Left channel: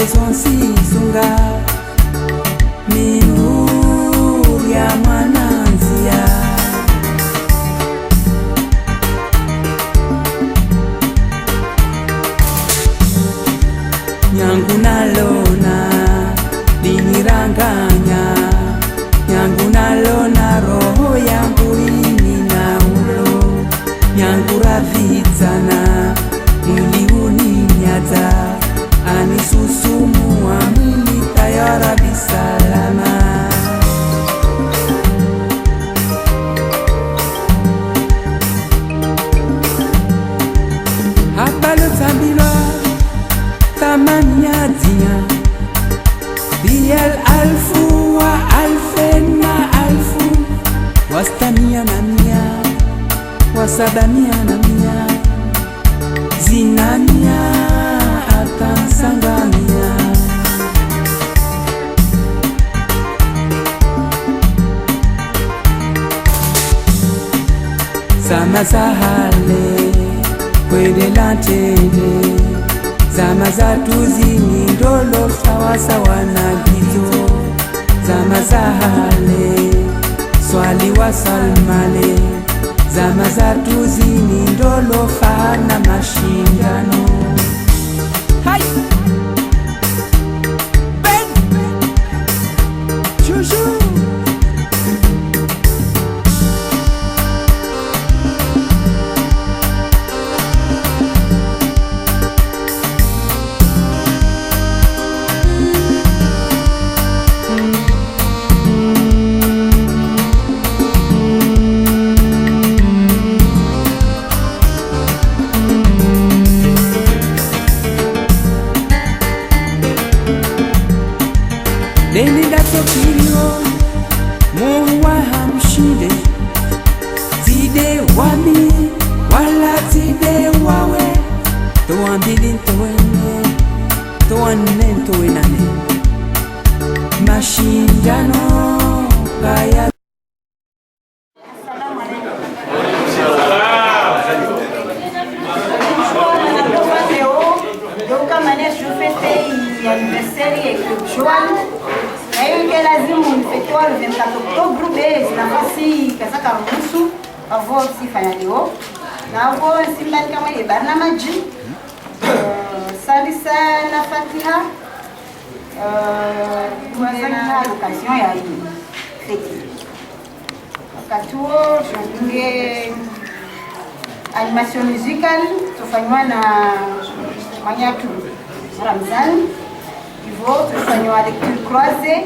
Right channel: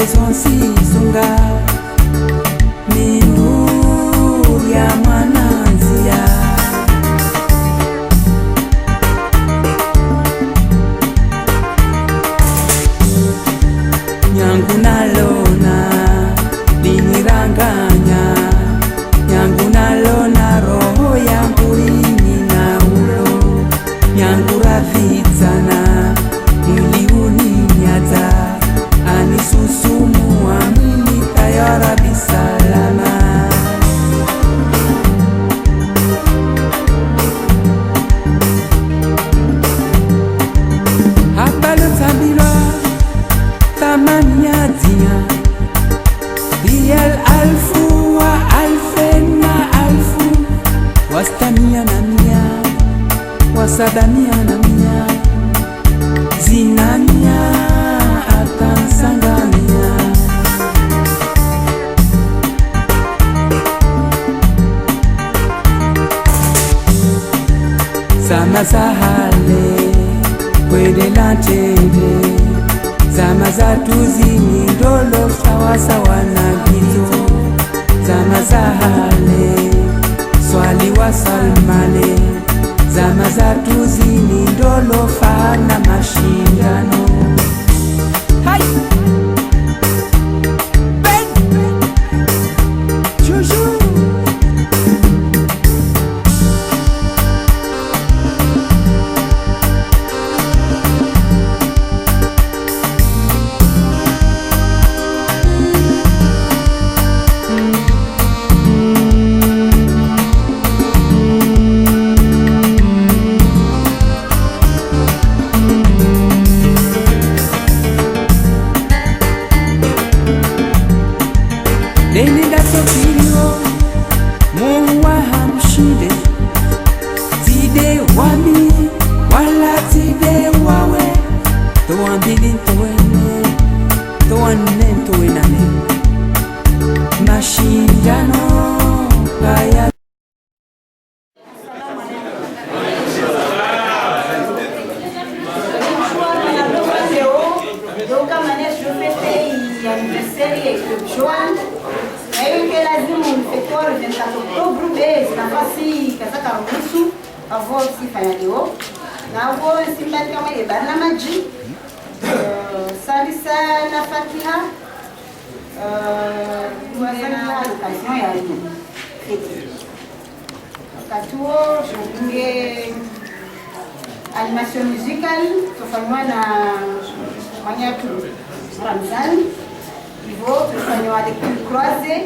sonsisunga mindu ya mwananzia nyangu nalona liniranganya nyangu nalona roho yangu ini na ulo nyangu ravitsana mwili uninyata anisusumua mwili tayara bisalama habalo tambilwa tamaniatia biyal alfu wa alfen na alfu wastamia na mia wasabamia na mia zinamia atansangamia zama za hale kwede lantende zama za tuzini ndolo sawasawa na gizo zama za hale swali wa salmale zama za tuzini ndolo fana mashindano hai ben juju Lenida sokirio muwa hamshide zide wami wala zide wawe toambili ntowene towane ntowenane mashindano kaya le 24 octobre base nafasi kazaka ruhusu avo sifanya leo na avo simbali kama ile barnamaji salisa na fatiha na location ya fete wakati huo tunge animation musical tufanywa na Manyatu Ramzan hivyo tufanywa lecture croisée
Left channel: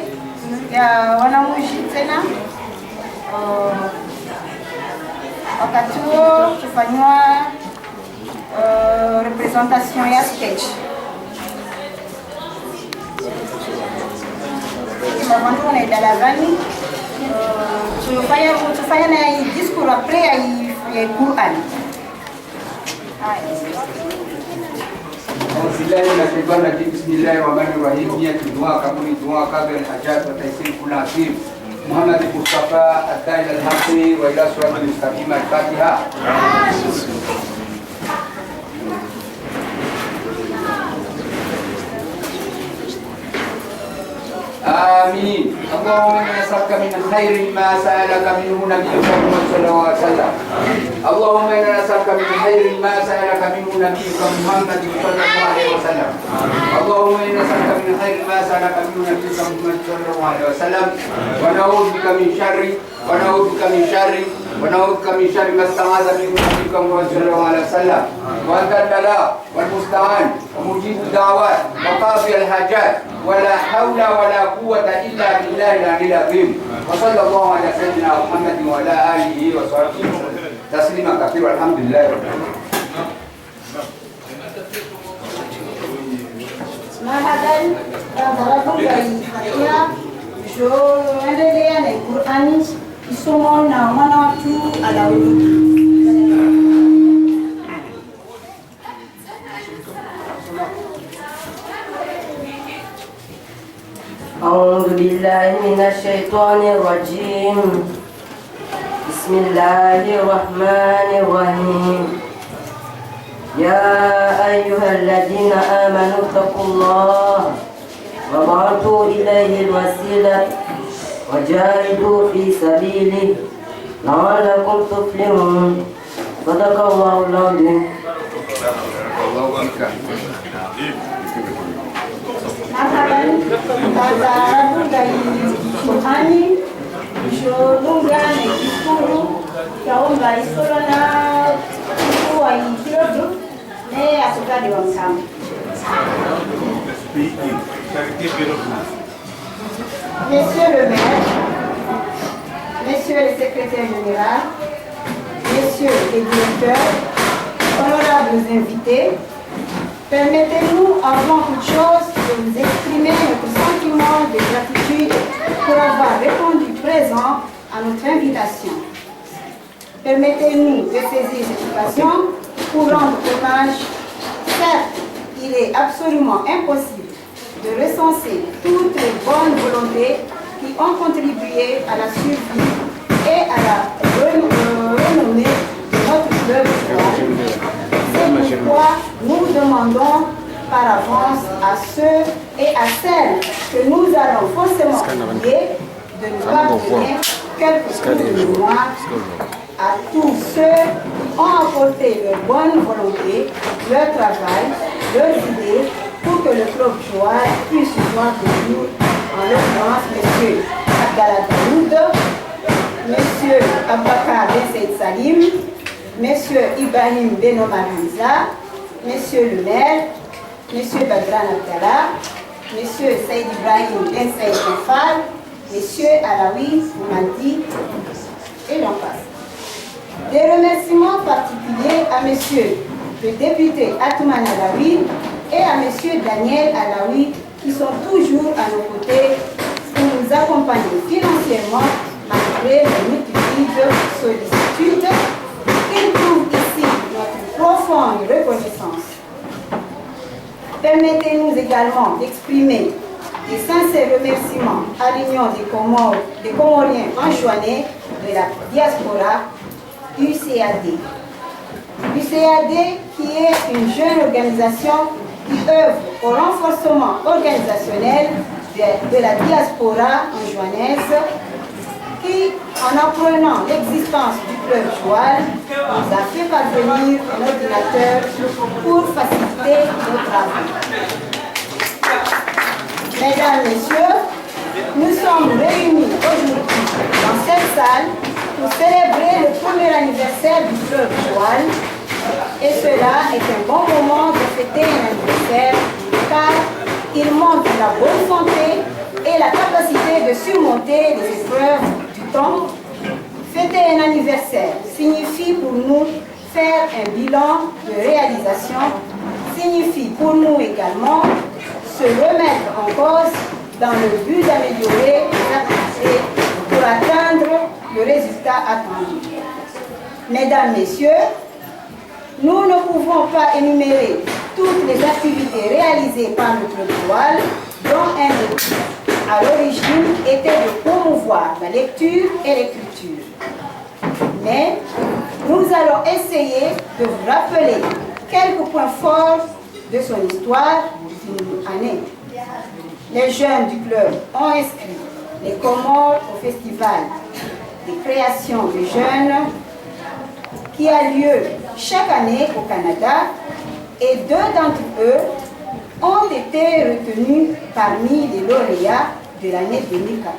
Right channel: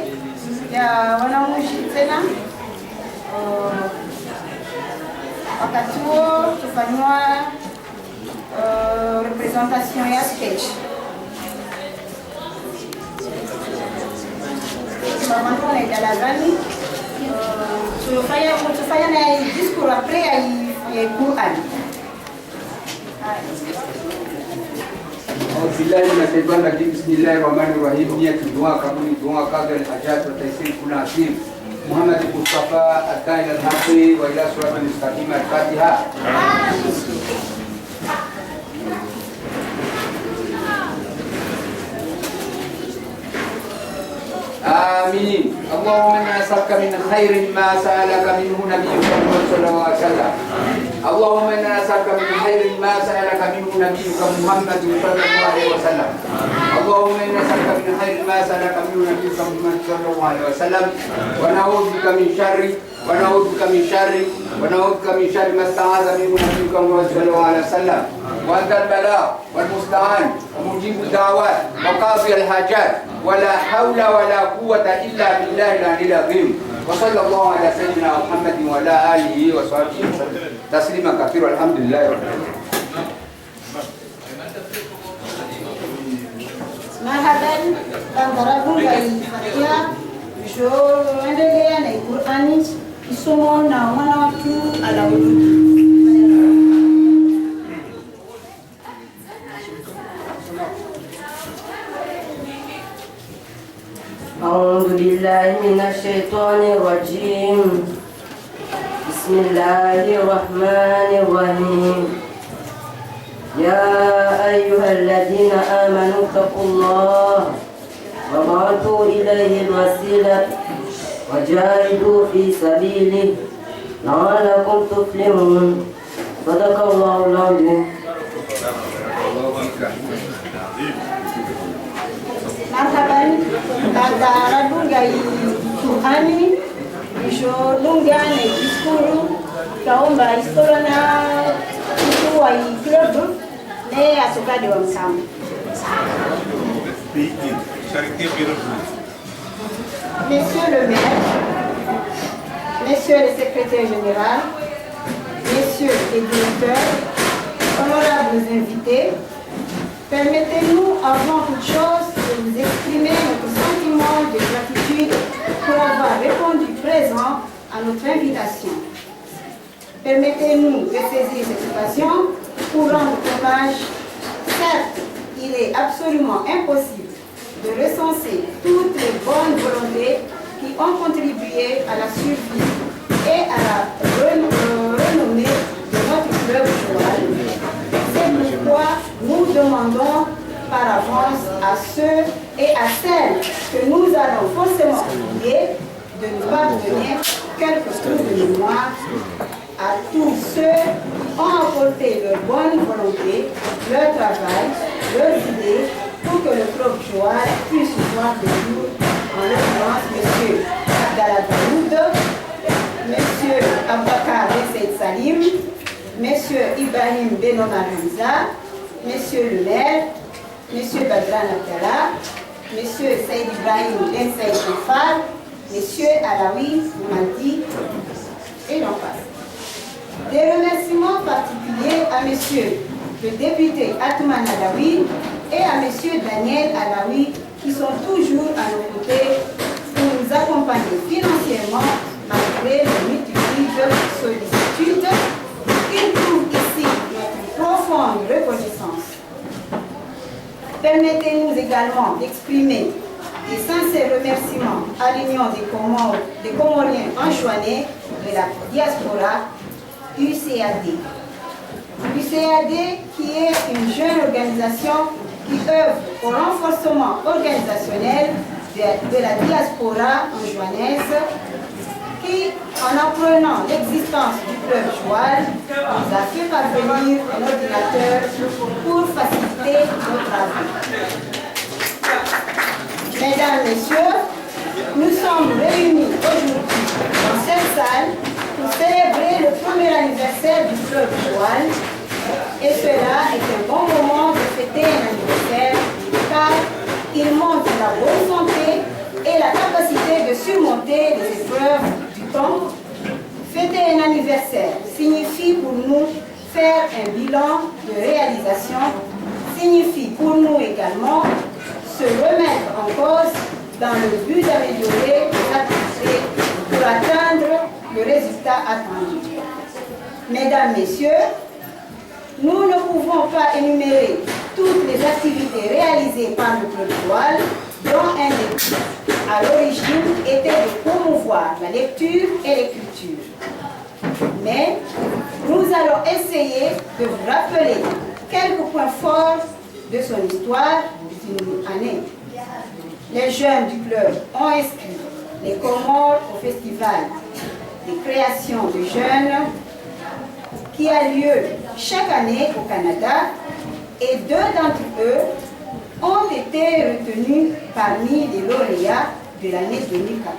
ya wanamushi tena wakati huo tufanywa representation ya sketch mavantu na idalagani tufanya na discours après ya Qur'an Bismillahirrahmanirrahim. Niat doa kabul doa kabel hajat wa taisir kula akhir. Muhammad Mustafa Ad-Dail Al-Haqi wa ila suratul mustaqim Al-Fatiha. آمين. اللهم إنا نسألك من خير ما سألك منه نبيك محمد صلى الله عليه وسلم. اللهم إنا نسألك من خير ما سألك منه نبيك محمد صلى الله عليه وسلم. اللهم إنا نسألك من خير ما سألك منه نبيك محمد صلى الله عليه وسلم. ونعوذ بك من شر ما استعاذ منه نبيك محمد صلى الله عليه وسلم. وأنت البلاء والمستعان ومجيب الدعوات وقاضي الحاجات ولا حول ولا قوة إلا بالله العلي العظيم. وصلى الله على سيدنا محمد وعلى آله وصحبه تسليما كثيرا. الحمد لله رب العالمين. Mahadan barabun dari Fatia jo endelea na Qur'ani isomo na mwana watu alaulu أعوذ بالله من الشيطان الرجيم بسم الله الرحمن الرحيم يا أيها الذين آمنوا اتقوا الله وابعثوا إليه الوسيلة وجاهدوا في سبيله لعلكم تفلحون. صدق الله العظيم. Marhaban, kata gai Tuhan, Jolunga na Ikuru, kaomba historia na kuwa ikirodu, ne asukadi wa mkamu. Messieurs le maire, messieurs les secrétaires généraux, messieurs les directeurs, honorables invités, permettez-nous avant toute chose de vous exprimer notre sentiment de gratitude pour avoir répondu présent à notre invitation. Permettez-nous de saisir cette occasion pour rendre hommage. Certes, il est absolument impossible de recenser toutes les bonnes volontés qui ont contribué à la survie et à la renommée de notre club Joal. C'est pourquoi nous demandons par avance à ceux et à celles que nous allons forcément oublier de nous pardonner quelques coups de mémoire à tous ceux qui ont apporté leur bonne volonté, leur travail, leurs idées pour que le club Joal puisse voir le jour, en l'occurrence M. Abdallah Daoud, M. Abakar Besseid Salim, M. Ibrahim Benomar Hamza, M. le maire, M. Badran Abdallah, M. Saïd Ibrahim Ben Saïd Kafar, M. Alaoui Moumadi, et j'en passe. Des remerciements particuliers à M. le député Atman Alaoui et à M. Daniel Alaoui qui sont toujours à nos côtés pour nous accompagner financièrement malgré les multiples sollicitudes. Ils trouvent ici notre profonde reconnaissance. Permettez-nous également d'exprimer des sincères remerciements à l'Union des Comoriens enjoignés de la diaspora, UCAD. UCAD qui est une jeune organisation qui œuvre au renforcement organisationnel de la diaspora enjoinaise, qui, en apprenant l'existence du club Joal, nous a fait parvenir un ordinateur pour faciliter nos travaux. Mesdames, Messieurs, nous sommes réunis aujourd'hui dans cette salle pour célébrer le premier anniversaire du club Joal. Et cela est un bon moment de fêter un anniversaire car il montre la bonne santé et la capacité de surmonter les épreuves du temps. Fêter un anniversaire signifie pour nous faire un bilan de réalisation, signifie pour nous également se remettre en cause dans le but d'améliorer les activités pour atteindre le résultat attendu. Mesdames, Messieurs, nous ne pouvons pas énumérer toutes les activités réalisées par le club Joal, dont un des buts à l'origine était de promouvoir la lecture et l'écriture. Mais nous allons essayer de vous rappeler quelques points forts de son histoire d'une année. Les jeunes du club ont inscrit les Comores au festival des créations de jeunes qui a lieu chaque année au Canada et 2 d'entre eux ont été retenus parmi les lauréats de l'année 2014.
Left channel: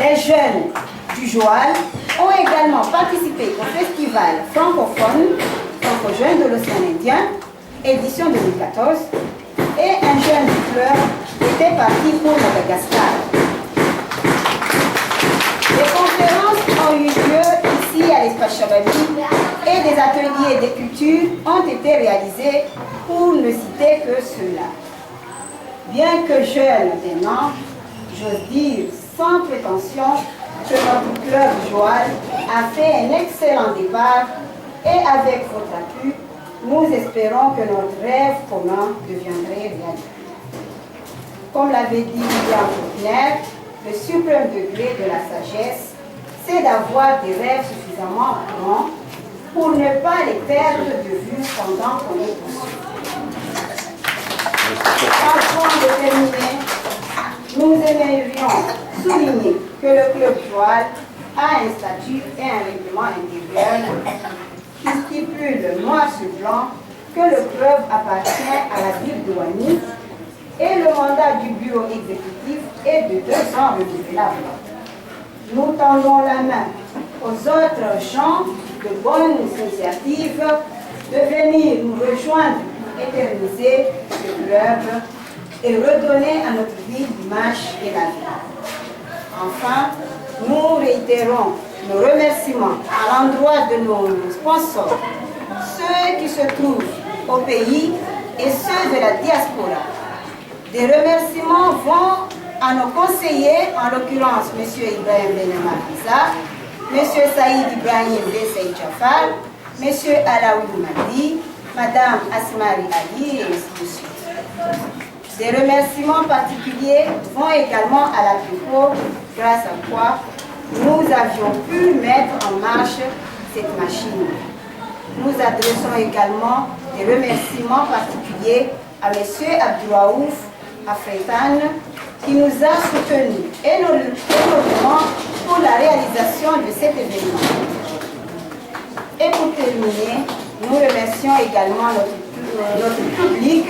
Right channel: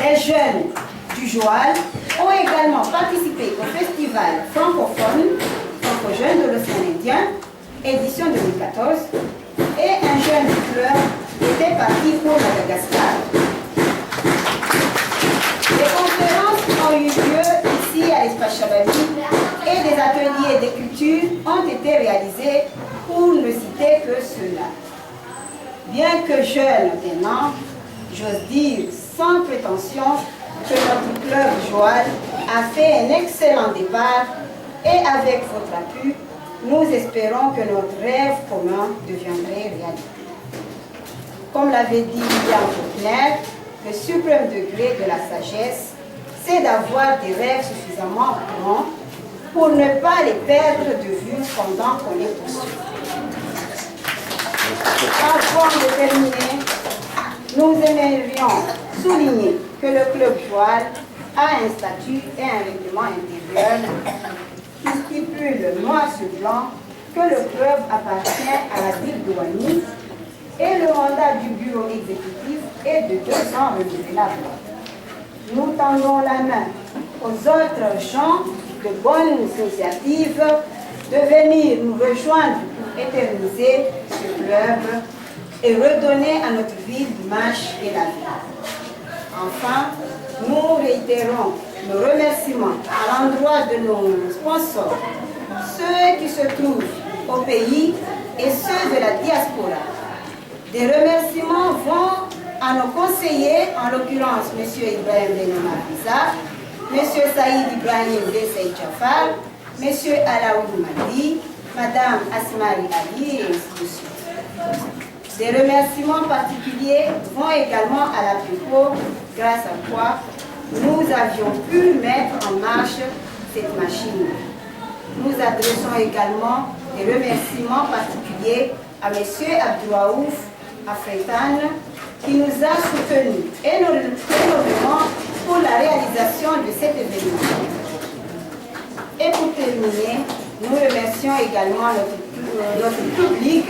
Les jeunes du Joal ont également participé au festival francophone franco-jeune de l'océan Indien, édition 2014, et un jeune du club était parti pour Madagascar. Les conférences ont eu lieu ici à l'espace Chabani et des ateliers d'écriture ont été réalisés pour ne citer que cela. Bien que jeune maintenant, j'ose dire sans prétention que notre club Joal a fait un excellent départ et avec votre appui, nous espérons que notre rêve commun deviendrait réalité. Comme l'avait dit William Faulkner, le suprême degré de la sagesse, c'est d'avoir des rêves suffisamment grands pour ne pas les perdre de vue pendant qu'on les poursuit. Avant de terminer, nous aimerions souligner que le club Joal a un statut et un règlement intérieur qui stipule noir sur blanc que le club appartient à la ville de Wani et le mandat du bureau exécutif est de 2 ans renouvelable. Nous tendons la main aux autres gens de bonnes initiatives de venir nous rejoindre pour éterniser ce club et redonner à notre ville l'image et la vie. Enfin, nous réitérons nos remerciements à l'endroit de nos sponsors, ceux qui se trouvent au pays et ceux de la diaspora. Des remerciements vont à nos conseillers, en l'occurrence M. Ibrahim Benema Hamza, M. Saïd Ibrahim Bessay Jafar, M. Alaoui Madi, Mme Asmari Ali et ainsi de suite. Des remerciements particuliers vont également à la PUCO, grâce à quoi nous avions pu mettre en marche cette machine. Nous adressons également des remerciements particuliers à M. Abdouraouf Afretan qui nous a soutenus énormément pour la réalisation de cet événement. Et pour terminer, nous remercions également notre public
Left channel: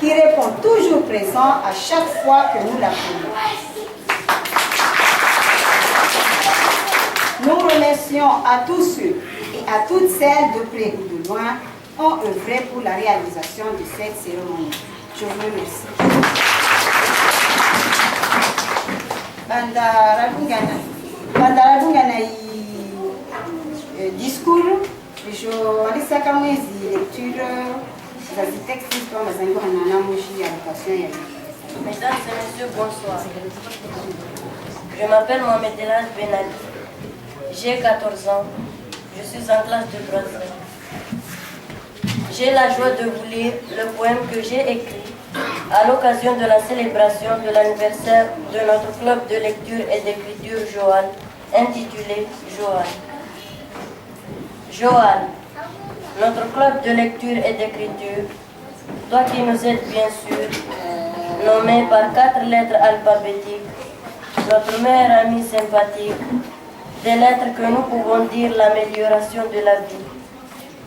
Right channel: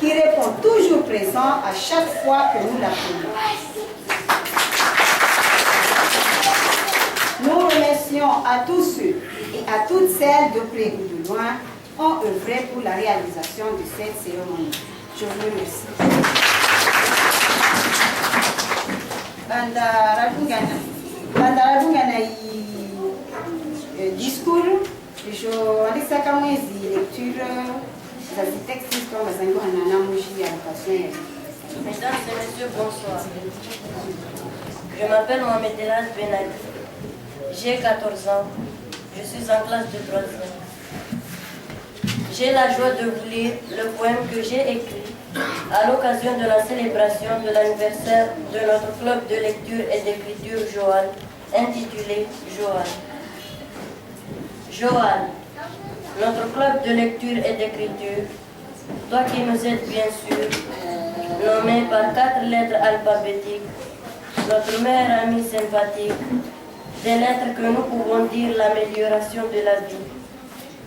qui répond toujours présent à chaque fois que nous l'appelons. Nous remercions à tous ceux et à toutes celles de près ou de loin qui ont œuvré pour la réalisation de cette cérémonie. Je vous remercie. Bandara discours, je alisaka mwezi lecture za texte histoire mazango na moshi ya location. Mesdames et messieurs, bonsoir. Je m'appelle Mohamed Elad Benali. J'ai 14 ans. Je suis en classe de 3e. J'ai la joie de vous lire le poème que j'ai écrit à l'occasion de la célébration de l'anniversaire de notre club de lecture et d'écriture Joal, intitulé Joal. Joal, notre club de lecture et d'écriture, toi qui nous aides bien sûr, nommé par 4 lettres alphabétiques, notre meilleur ami sympathique, des lettres que nous pouvons dire l'amélioration de la vie.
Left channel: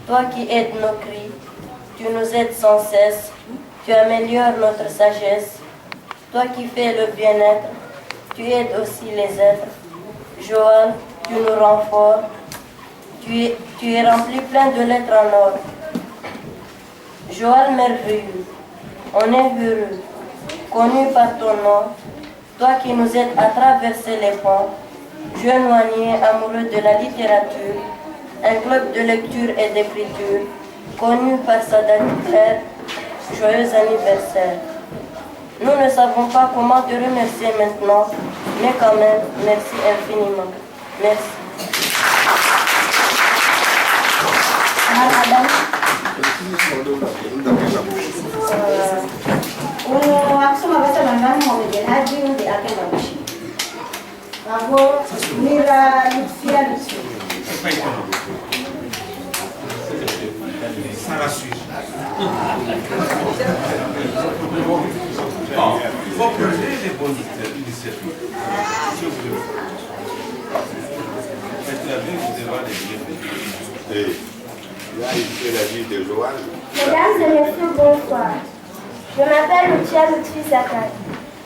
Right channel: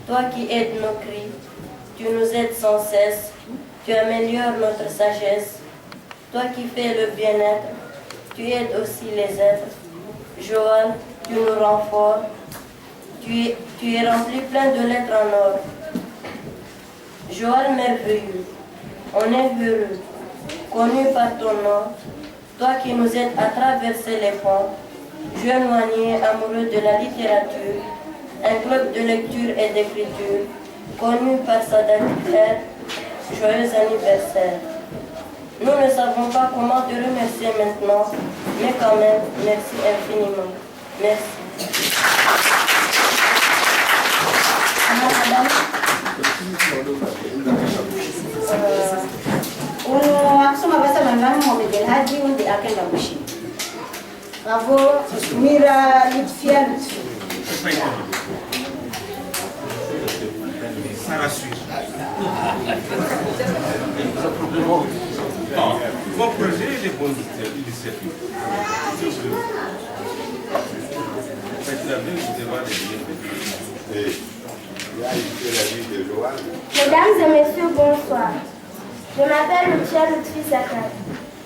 Toi qui aides nos cris, tu nous aides sans cesse, tu améliores notre sagesse. Toi qui fais le bien-être, tu aides aussi les êtres. Joal, tu nous rends forts, tu es rempli plein de lettres en or. Joal merveilleux, on est heureux, connu par ton nom, toi qui nous aides à traverser les ponts, jeune Wanier amoureux de la littérature, un club de lecture et d'écriture, connu par sa date claire, joyeux anniversaire. Nous ne savons pas comment te remercier maintenant, mais quand même, merci infiniment. Merci. Bravo, Mira Lutfia Lutfia. Ça la suit. Vos projets et les bonnes initiatives. Faites la vie, vous devez les Mesdames et messieurs, bonsoir. Je m'appelle Lucia Lutfi Sakai.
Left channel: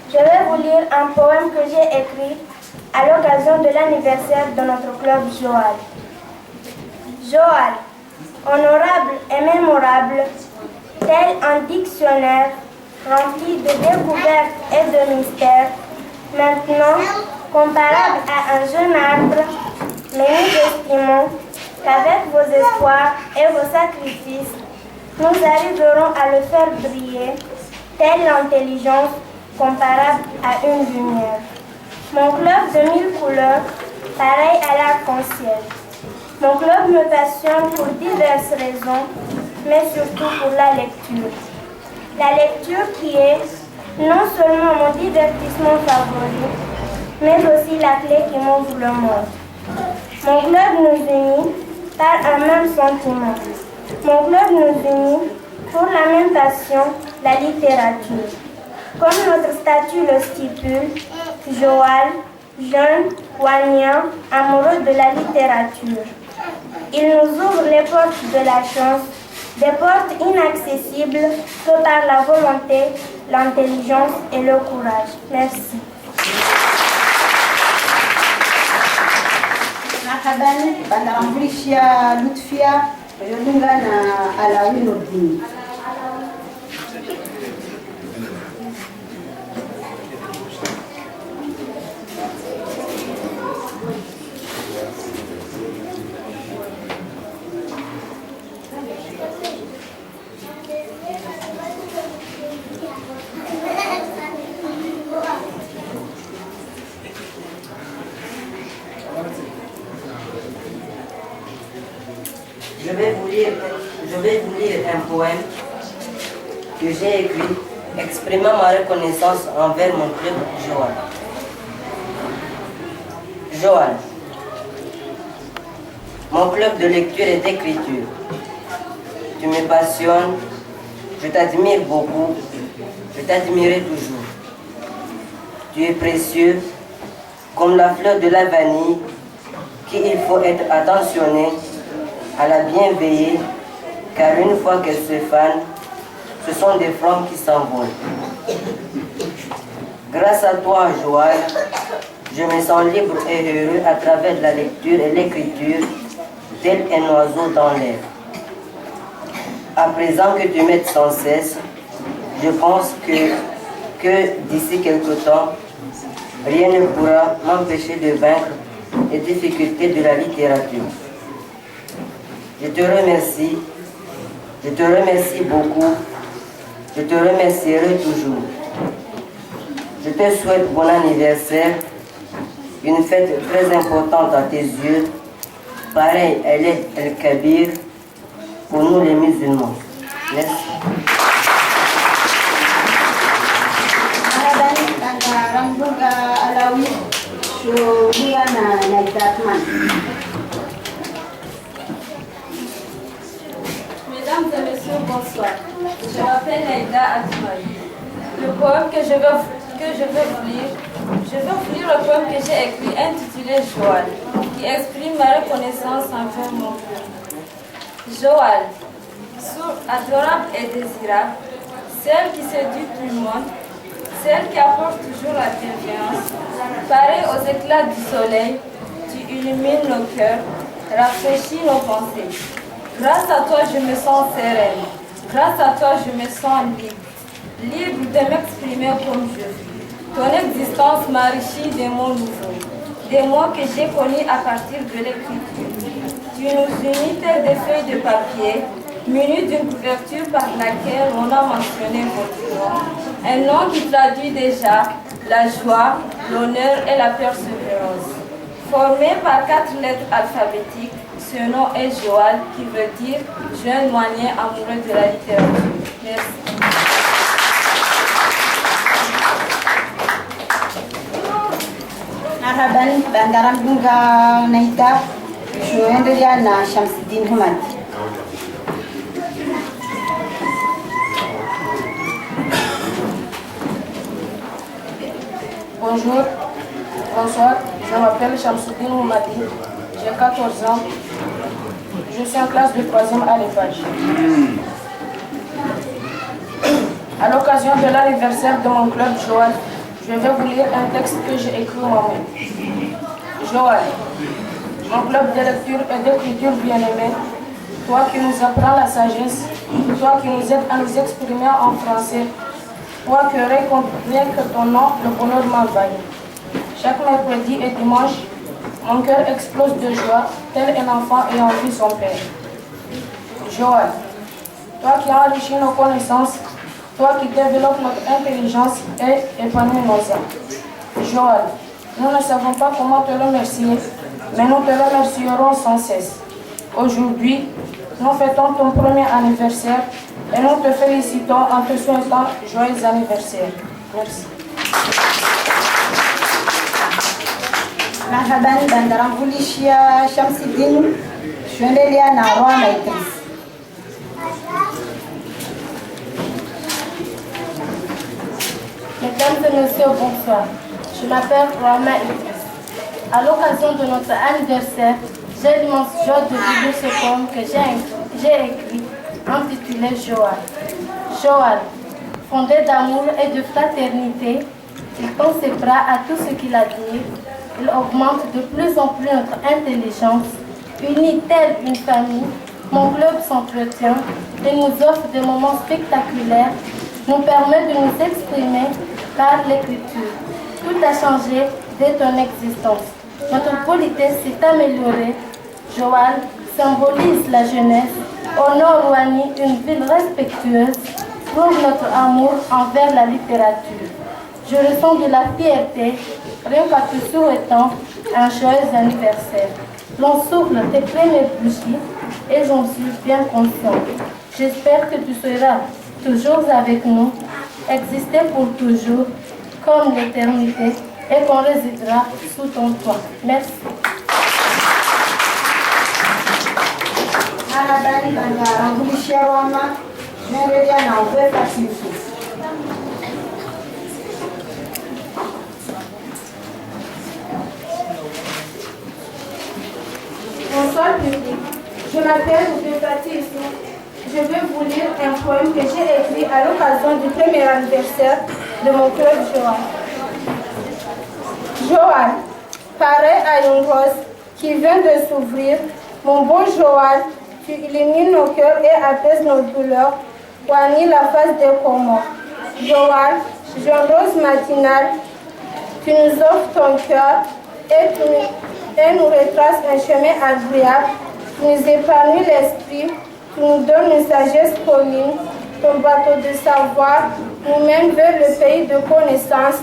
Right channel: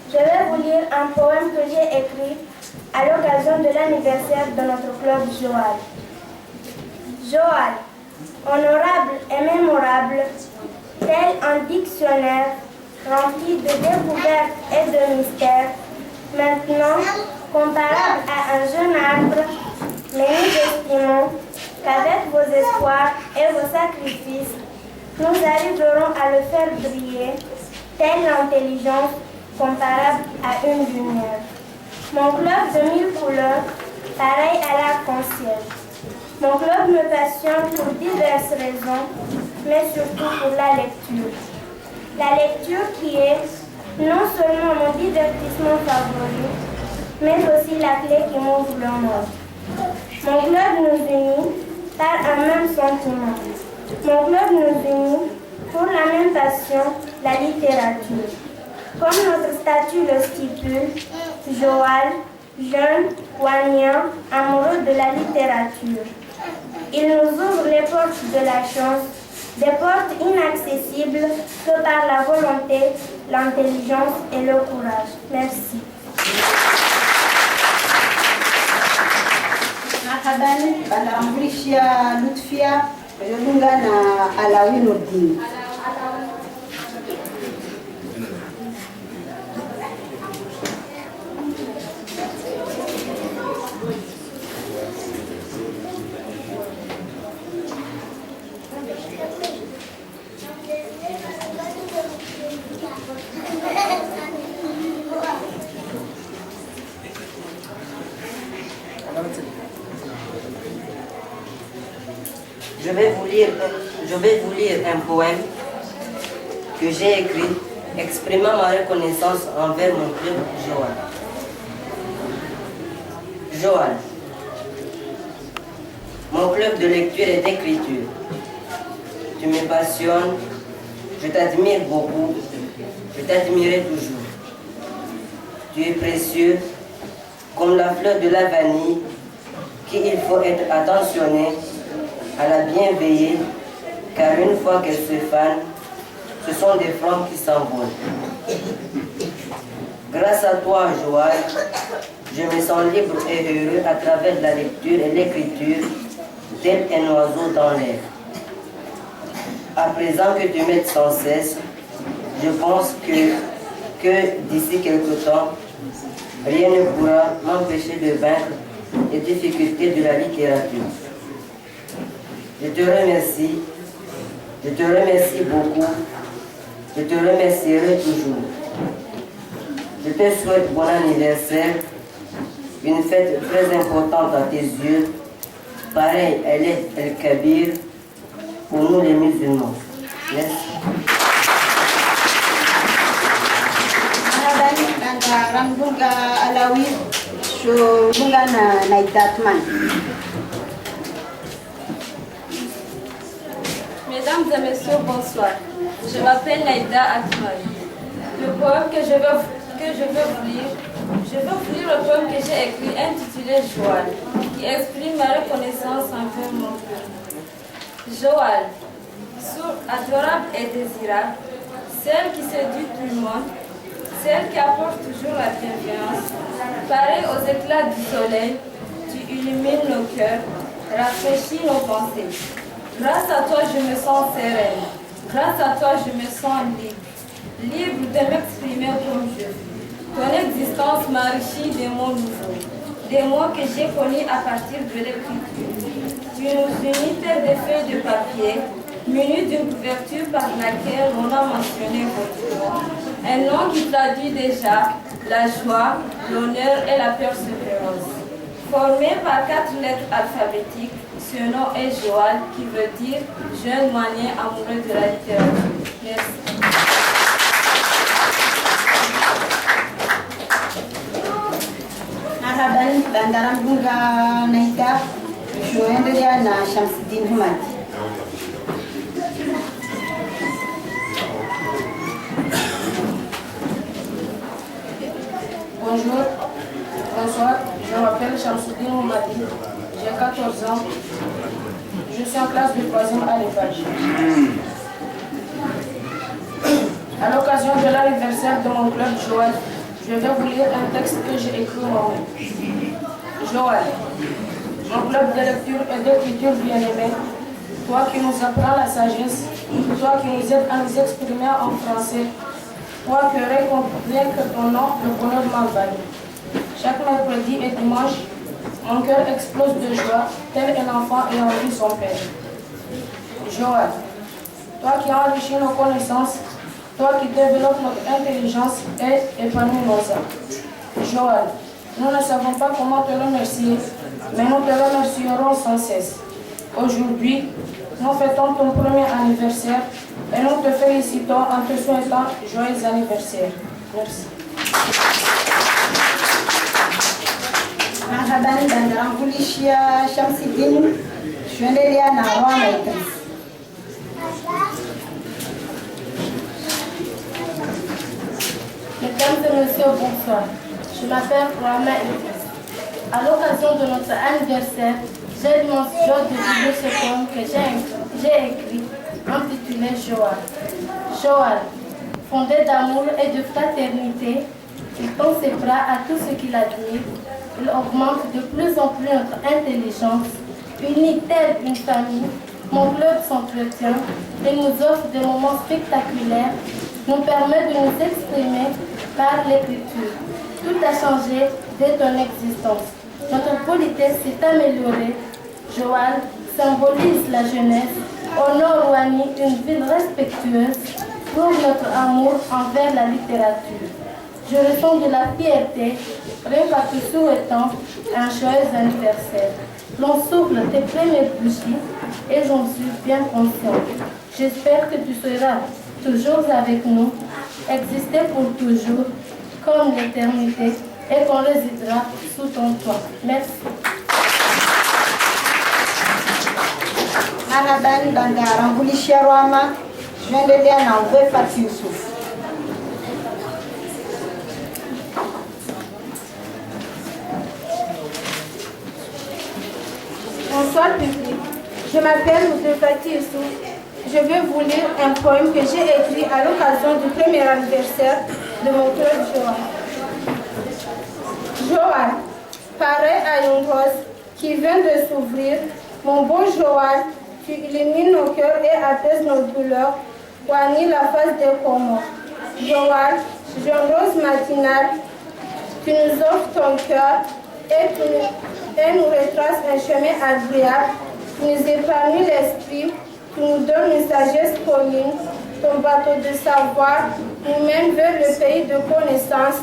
Je vais vous lire un poème que j'ai écrit à l'occasion de l'anniversaire de notre club Joal. Joal, honorable et mémorable, tel un dictionnaire rempli de découvertes et de mystères, maintenant comparable à un jeune arbre, mais nous estimons qu'avec vos espoirs et vos sacrifices, nous arriverons à le faire briller, telle l'intelligence comparable à une lumière. Mon club de 1000 couleurs, pareil à l'arc-en-ciel. Mon club me passionne pour diverses raisons, mais surtout pour la lecture. La lecture qui est non seulement mon divertissement favori, mais aussi la clé qui m'ouvre le monde. Mon club nous unit par un même sentiment. Mon club nous unit pour la même passion, la littérature. Comme notre statut le stipule, Joal, jeune, poignant, amoureux de la littérature. Il nous ouvre les portes de la chance, des portes inaccessibles que par la volonté, l'intelligence et le courage. Merci. Marhaban, bandarambulisha Lutfia, Yolunga na Alawi Nordini. Je vais vous lire un poème que j'ai écrit exprimant ma reconnaissance envers mon club Joal. Joal, mon club de lecture et d'écriture. Tu me passionnes, je t'admire beaucoup, je t'admirerai toujours. Tu es précieux, comme la fleur de la vanille, qu'il faut être attentionné à la bien veiller, car une fois qu'elle se fane, ce sont des flammes qui s'envolent. Grâce à toi, Joal, je me sens libre et heureux à travers la lecture et l'écriture, tel un oiseau dans l'air. À présent que tu m'aides sans cesse, je pense que d'ici quelque temps, rien ne pourra m'empêcher de vaincre les difficultés de la littérature. Je te remercie beaucoup, je te remercierai toujours. Je te souhaite bon anniversaire, une fête très importante à tes yeux, pareil elle est El Kabir pour nous les musulmans. Merci. Mesdames et messieurs, bonsoir. Je m'appelle Naïda Atmaï. Le poème que je veux vous lire le poème que j'ai écrit intitulé Joal, qui exprime ma reconnaissance envers mon père. Joal, sourd, adorable et désirable, celle qui séduit tout le monde, celle qui apporte toujours la bienveillance, pareille aux éclats du soleil, tu illumines nos cœurs, rafraîchis nos pensées. Grâce à toi, je me sens sereine. Grâce à toi, je me sens libre. Libre de m'exprimer comme je veux. Ton existence m'enrichit des mots nouveaux, des mots que j'ai connus à partir de l'écriture. Tu nous unis tels des feuilles de papier, munis d'une couverture par laquelle on a mentionné votre nom. Un nom qui traduit déjà la joie, l'honneur et la persévérance. Formé par 4 lettres alphabétiques, ce nom est Joal, qui veut dire jeune moyen amoureux de la littérature. Merci. Marhaban, bandaram bunga naita, joenderia na Shamsuddin Hamad. Bonjour, bonsoir, je m'appelle Shamsuddin Houmadi, j'ai 14 ans, je suis en classe de 3e à l'Épage. À l'occasion de l'anniversaire de mon club Joal, je vais vous lire un texte que j'ai écrit moi-même. Joal, mon club de lecture et d'écriture bien-aimé, toi qui nous apprends la sagesse, toi qui nous aides à nous exprimer en français, toi que rien que ton nom, le bonheur m'envahit. Chaque mercredi et dimanche, mon cœur explose de joie, tel un enfant ayant vu son père. Joal, toi qui enrichis nos connaissances, toi qui développes notre intelligence et épanouis nos âmes. Joal, nous ne savons pas comment te remercier, mais nous te remercierons sans cesse. Aujourd'hui, nous fêtons ton premier anniversaire et nous te félicitons en te souhaitant joyeux anniversaire. Merci. Marhaban bandaram Vulishia Shamsidine, Chouendelia Narwa Maîtrise. Mesdames et messieurs, bonsoir. Je m'appelle Rama Idriss. À l'occasion de notre anniversaire, j'ai l'immense joie de lire ce poème que j'ai écrit, intitulé Joal. Joal, fondé d'amour et de fraternité, il tend ses bras à tout ce qu'il admire. Il augmente de plus en plus notre intelligence. Unis telle une famille, mon club s'entretient et nous offre des moments spectaculaires, nous permet de nous exprimer par l'écriture. Tout a changé dès ton existence. Notre politesse s'est améliorée. Joal symbolise la jeunesse, honore Ouani, une ville respectueuse, prouve notre amour envers la littérature. Je ressens de la fierté, rien qu'à te souhaitant un joyeux anniversaire. L'on souffle tes premières bougies et j'en suis bien consciente. J'espère que tu seras toujours avec nous, exister pour toujours, comme l'éternité, et qu'on résidera sous ton toit. Merci. Marhaban bandaram Vulishia Rama, Chouendelia Narwa Maîtrise. Bonsoir public, je m'appelle Oudefati Issou. Je vais vous lire un poème que j'ai écrit à l'occasion du premier anniversaire de mon club Joal. Joal, pareil à une rose qui vient de s'ouvrir, mon beau Joal, tu illumines nos cœurs et apaises nos douleurs, Ouani la face des Comores. Joal, jeune rose matinale, tu nous offres ton cœur et nous retraces un chemin agréable, tu nous épargnes l'esprit, tu nous donnes une sagesse commune, ton bateau de savoir nous mène vers le pays de connaissance.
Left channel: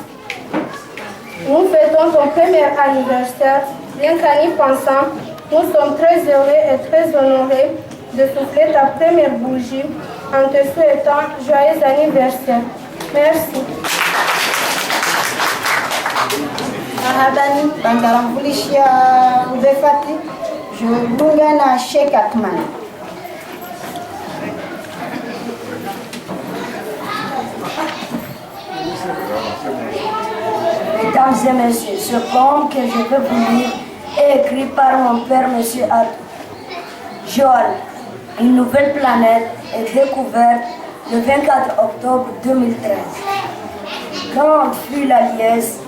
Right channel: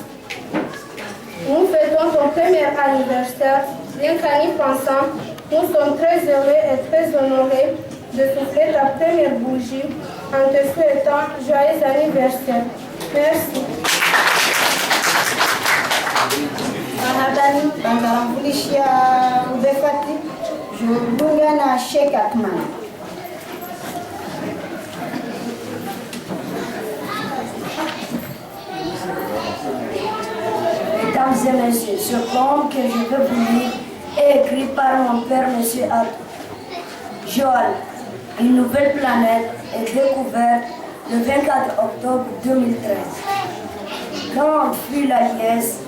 Nous fêtons ton premier anniversaire, bien qu'en y pensant, nous sommes très heureux et très honorés de souffler ta première bougie en te souhaitant joyeux anniversaire. Merci. Marhaban bandaram Vulishia Oudefati, je Boungana Cheikh Akman. Mesdames et messieurs, ce poème que je veux vous lire est écrit par mon père, M. Adou. Joal, une nouvelle planète, est découverte le 24 octobre 2013. Grande fut la liesse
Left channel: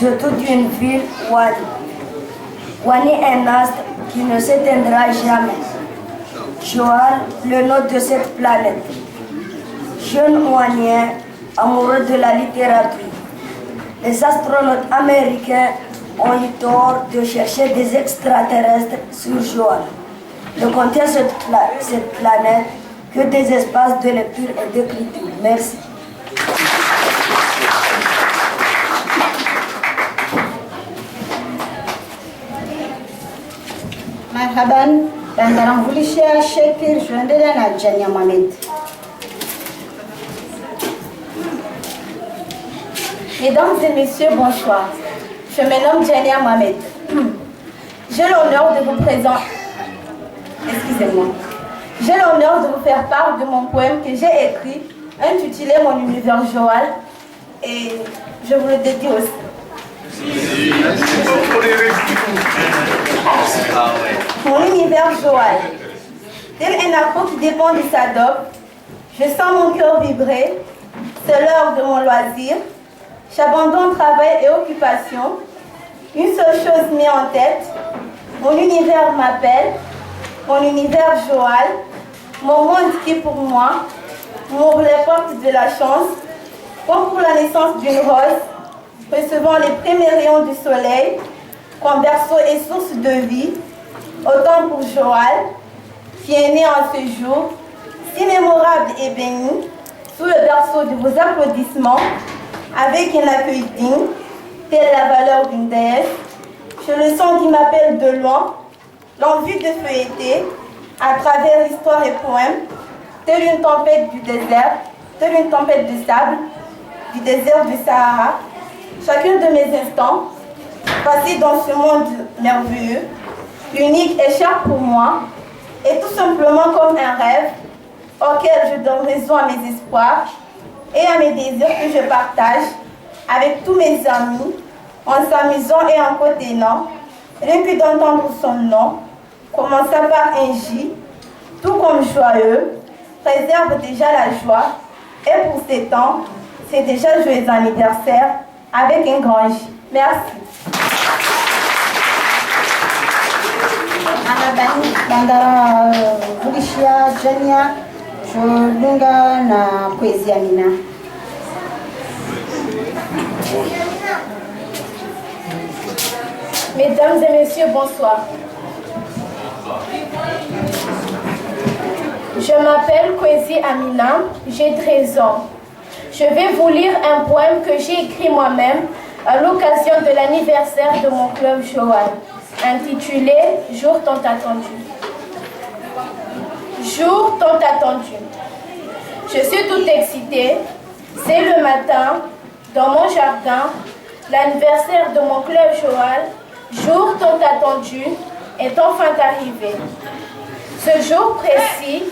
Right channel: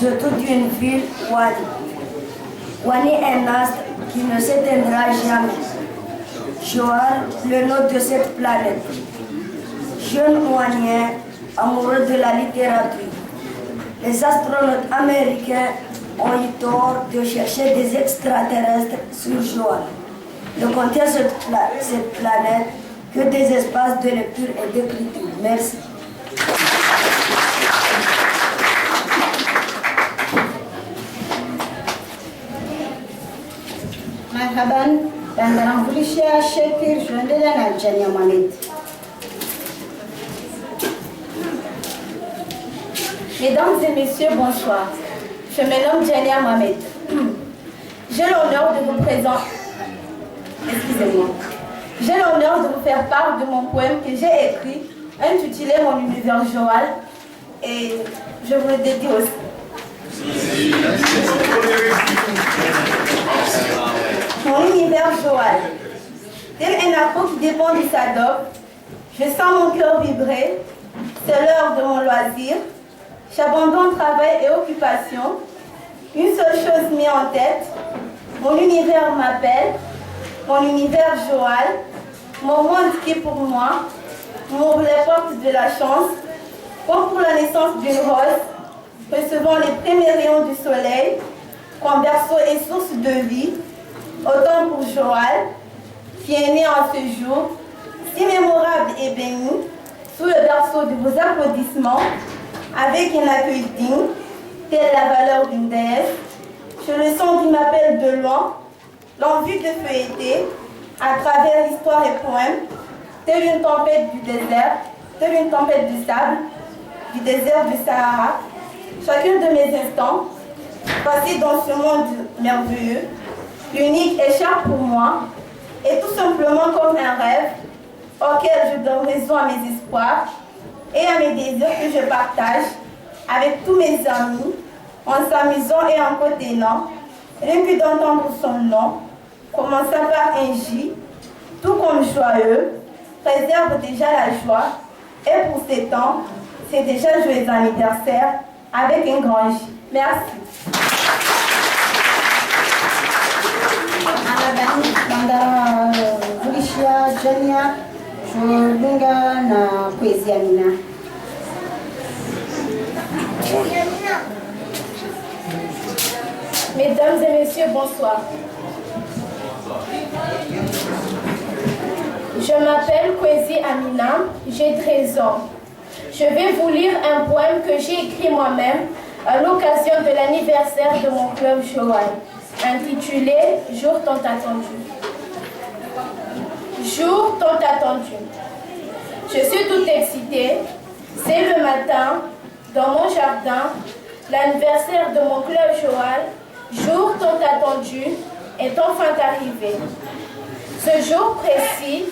de toute une ville, Ouani. Ouani est un astre qui ne s'éteindra jamais. Joal, le nom de cette planète. Jeune Ouanien, amoureux de la littérature. Les astronautes américains ont eu tort de chercher des extraterrestres sur Joal. Ne contient cette planète que des espaces de lecture et d'écriture. Merci. Marhaban bandaram Vulishia Shekir, Chouendelia Narwa Maîtrise. Mesdames et messieurs, bonsoir. Je me nomme Jania Mohamed. J'ai l'honneur de vous présenter. Excusez-moi. J'ai l'honneur de vous faire part de mon poème que j'ai écrit, intitulé Mon univers Joal, et je vous le dédie aussi. Mon univers Joal. Tel un arbre qui dépend de sa dope, je sens mon cœur vibrer. C'est l'heure de mon loisir. J'abandonne travail et occupation. Une seule chose m'est en tête. Mon univers m'appelle. Mon univers Joal. Mon monde qui pour moi m'ouvre les portes de la chance. Comme pour la naissance d'une rose, recevant les premiers rayons du soleil, comme berceau et source de vie, autant pour Joal, qui est né en ce jour, si mémorable et béni, sous le berceau de vos applaudissements, avec un accueil digne, telle la valeur d'une déesse. Je le sens qui m'appelle de loin, l'envie de feuilleter, à travers l'histoire et poèmes, telle une tempête du désert, telle une tempête de sable, du désert du Sahara. Chacun de mes instants passé dans ce monde merveilleux, unique et cher pour moi, est tout simplement comme un rêve auquel je donne raison à mes espoirs et à mes désirs que je partage avec tous mes amis en s'amusant et en côtoyant, rien que d'entendre son nom, commençant par un J, tout comme joyeux, préserve déjà la joie et pour ces temps, c'est déjà joyeux anniversaire avec un grand J. Merci. Anabani Bandara Vulishia Jania Jolunga na Poésie Amina. Mesdames et messieurs, bonsoir. Je m'appelle Kwesi Amina, j'ai 13 ans. Je vais vous lire un poème que j'ai écrit moi-même à l'occasion de l'anniversaire de mon club Joal, intitulé « Jour tant attendu ». Jour tant attendu. Je suis toute excitée. C'est le matin, dans mon jardin, l'anniversaire de mon club Joal, jour tant attendu, est enfin arrivé. Ce jour précis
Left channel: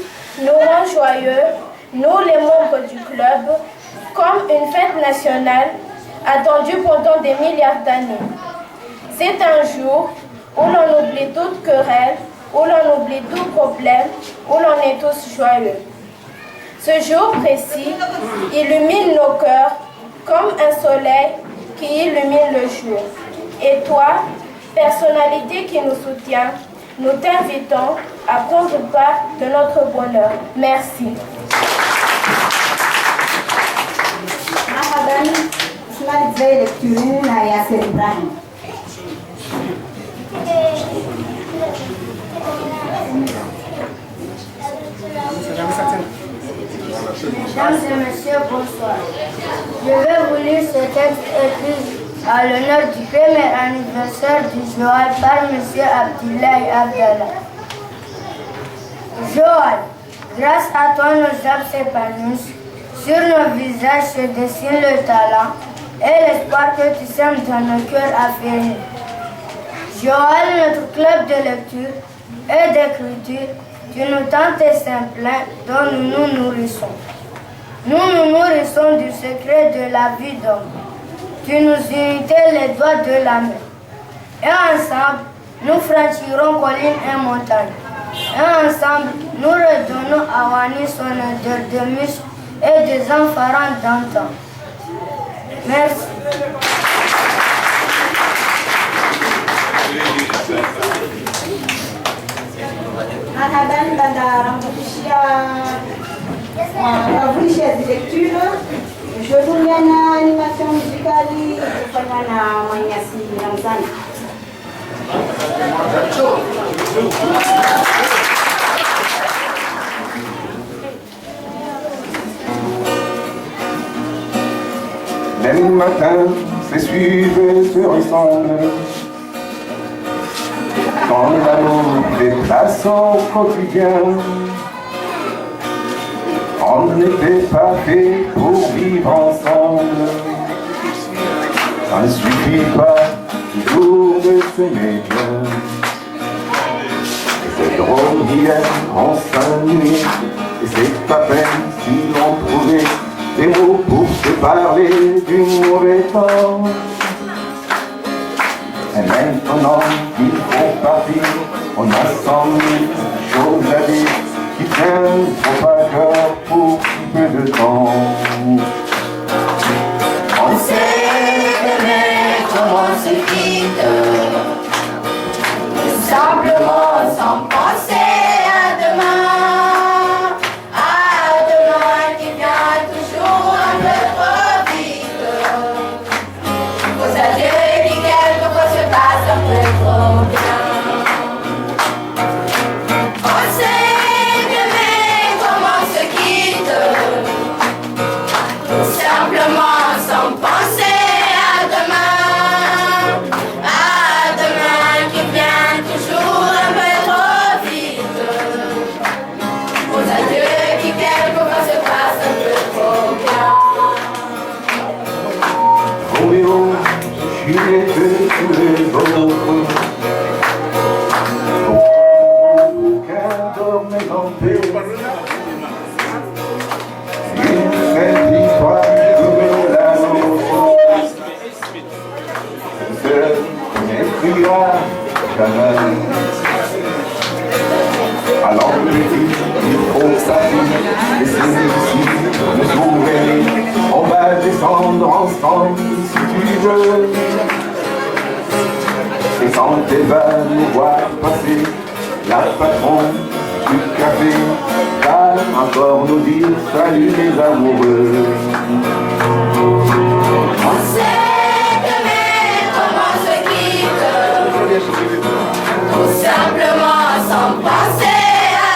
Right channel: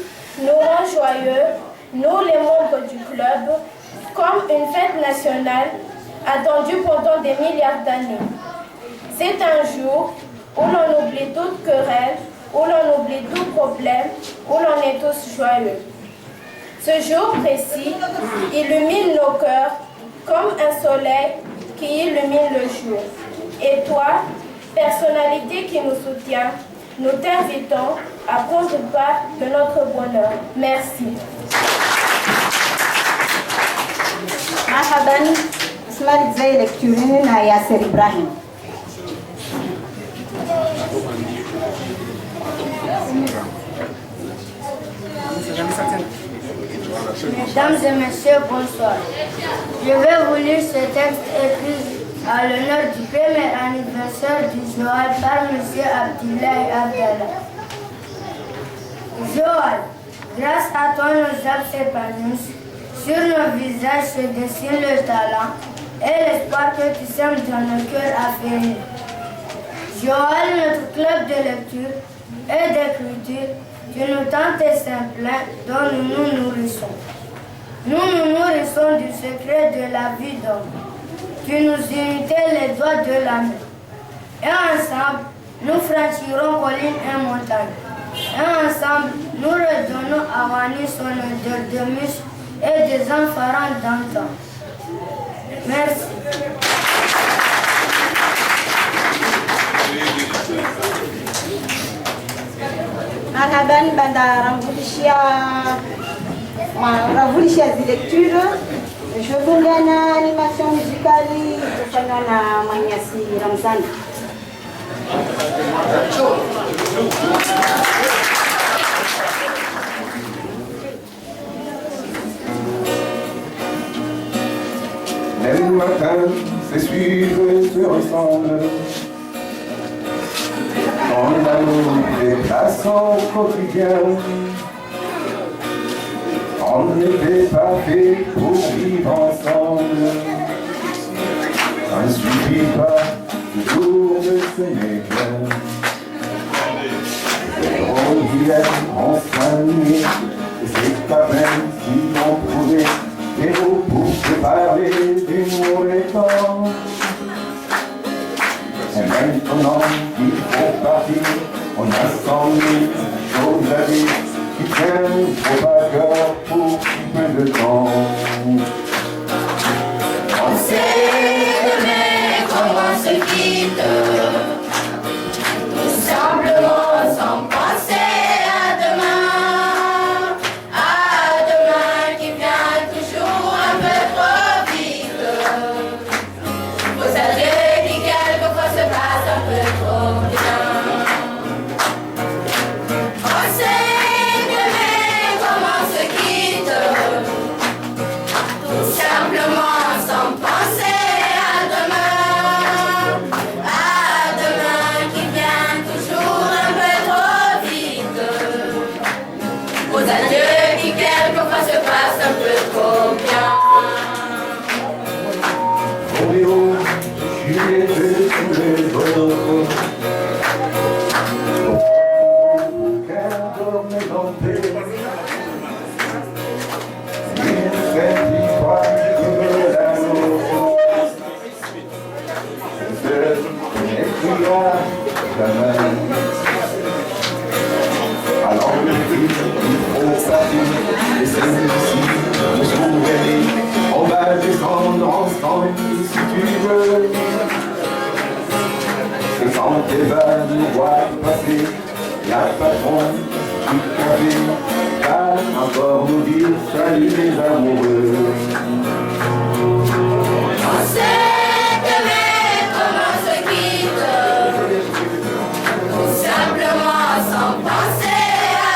nous rend joyeux, nous les membres du club, comme une fête nationale attendue pendant des milliards d'années. C'est un jour où l'on oublie toute querelle, où l'on oublie tout problème, où l'on est tous joyeux. Ce jour précis illumine nos cœurs comme un soleil qui illumine le jour. Et toi, personnalité qui nous soutient, nous t'invitons à prendre part de notre bonheur. Merci. Marhaban, Ismail Zay lecture na Yasser Ibrahim. Mesdames et messieurs, bonsoir. Je vais vous lire ce texte écrit à l'honneur du premier anniversaire du Joal par M. Abdoulaye Abdallah. Joal, grâce à toi nos âmes s'épanouissent, sur nos visages se dessine le talent et l'espoir que tu sèmes dans nos cœurs affairés. Joal, notre club de lecture et d'écriture, tu nous tends tes simplins dont nous nous nourrissons. Nous nous nourrissons du secret de la vie d'homme. Tu nous unitais les doigts de la main. Et ensemble, nous franchirons collines et montagnes. Et ensemble, nous redonnons à Wani son odeur de muscle et des enfants d'antan. Merci. Anaban Banda Rambulisha lecture. Je vous donne une animation musicale de Fanyana Manyasi Ramzan. Même matin, c'est suivre et se ressemble. Quand l'amour dépasse au quotidien, on n'était pas fait pour vivre ensemble. Ça ne suffit pas toujours de s'aimer bien. C'est drôle d'hier en 5 minutes, et c'est pas peine si l'on trouvait des mots pour se parler du mauvais temps. Et maintenant qu'il faut partir, on a 100 000 choses à dire qui tiennent trop à cœur pour si peu de temps. On sait demain comment se quitte, tout simplement sans penser à demain qui vient toujours un peu trop vite. Faut s'adresser qui quelquefois se passe un peu trop bien. On sait demain comment se quitte, tout des vannes nous voit passer, la patronne du café, calme encore nous dire salut les amoureux. On sait demain comment se quitte, tout simplement sans penser à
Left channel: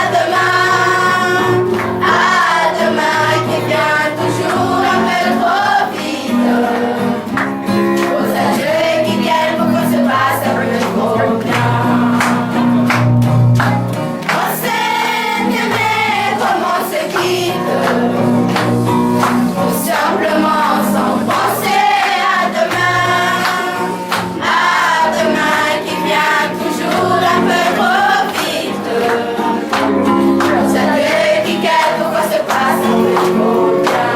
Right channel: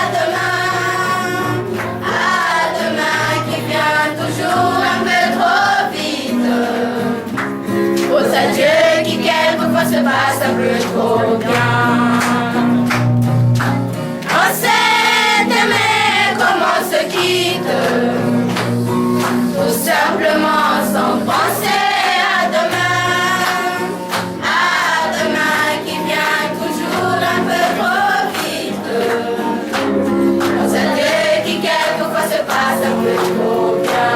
demain qui vient toujours un peu trop vite. Aux adieux qui quelquefois se passent un peu trop bien. On sait demain comment se quitte, tout simplement sans penser à demain qui vient toujours un peu trop vite. Aux adieux qui quelquefois se passent un peu trop bien.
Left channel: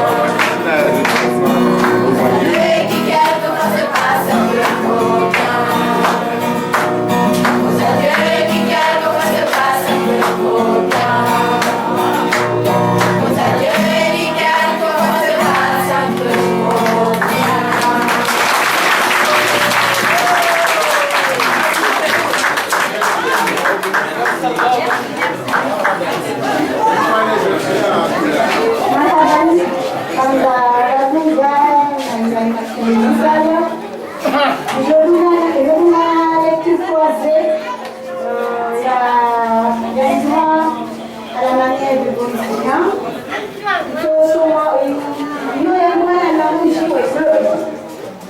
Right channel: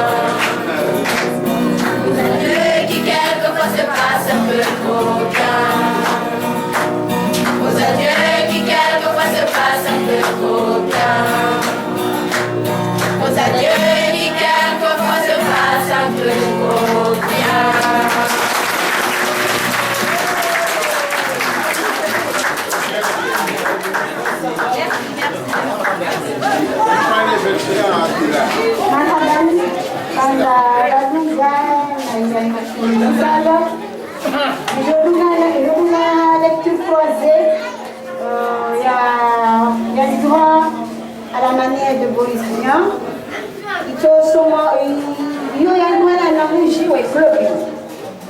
Aux adieux qui quelquefois se passent un peu trop bien. Aux adieux qui quelquefois se passent un peu trop bien. Aux adieux qui quelquefois se passent un peu trop bien. Aujourd'hui, la lecture croisée, il y a une voix à la manière de Boris Vian. Il y a une voix à la bougie ou est bleu.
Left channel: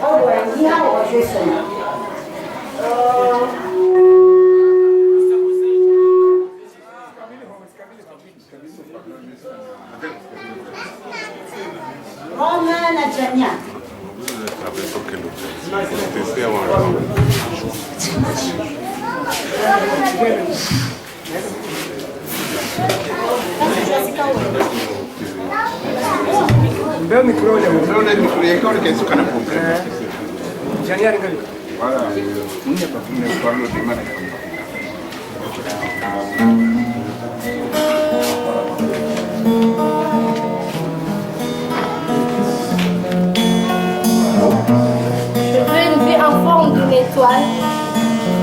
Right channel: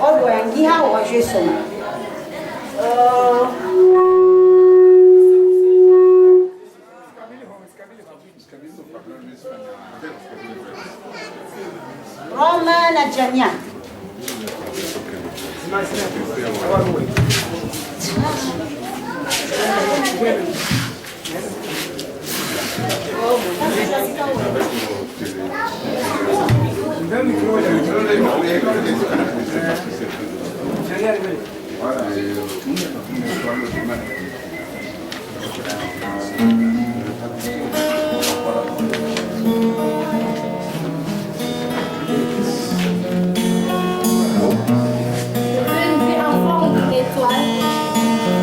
On doit en dire ou jouer seulement. Romain Nadjania.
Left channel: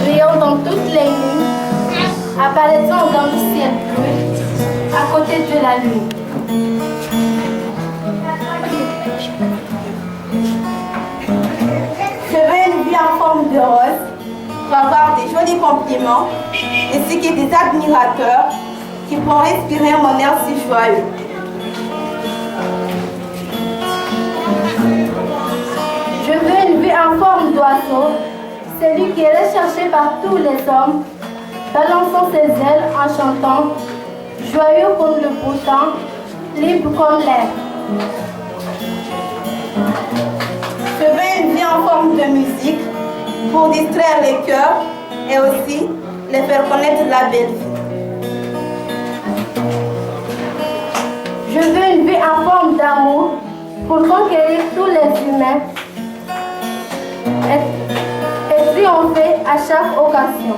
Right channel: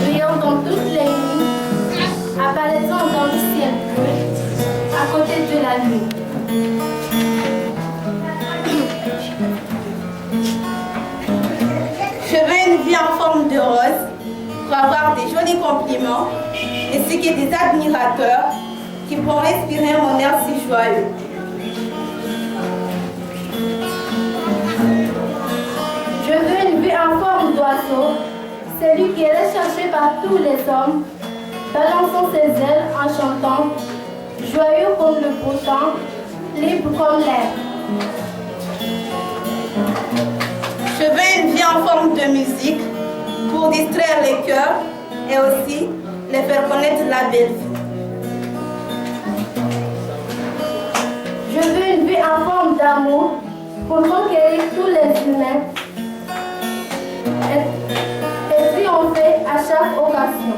Brillant dans toutes les nuits, apparaissant dans le ciel bleu, à côté de la lune. Je veux une vie en forme de rose pour avoir des jolis compliments ainsi que des admirateurs qui pourront respirer mon air si joyeux. Je veux une vie en forme d'oiseau, celui qui est recherché par tous les hommes, balançant ses ailes en chantant, joyeux comme le beau temps, libre comme l'air. Je veux une vie en forme de musique pour distraire les cœurs et aussi les faire connaître la belle vie. Je veux une vie en forme d'amour pour conquérir tous les humains et triompher à chaque occasion.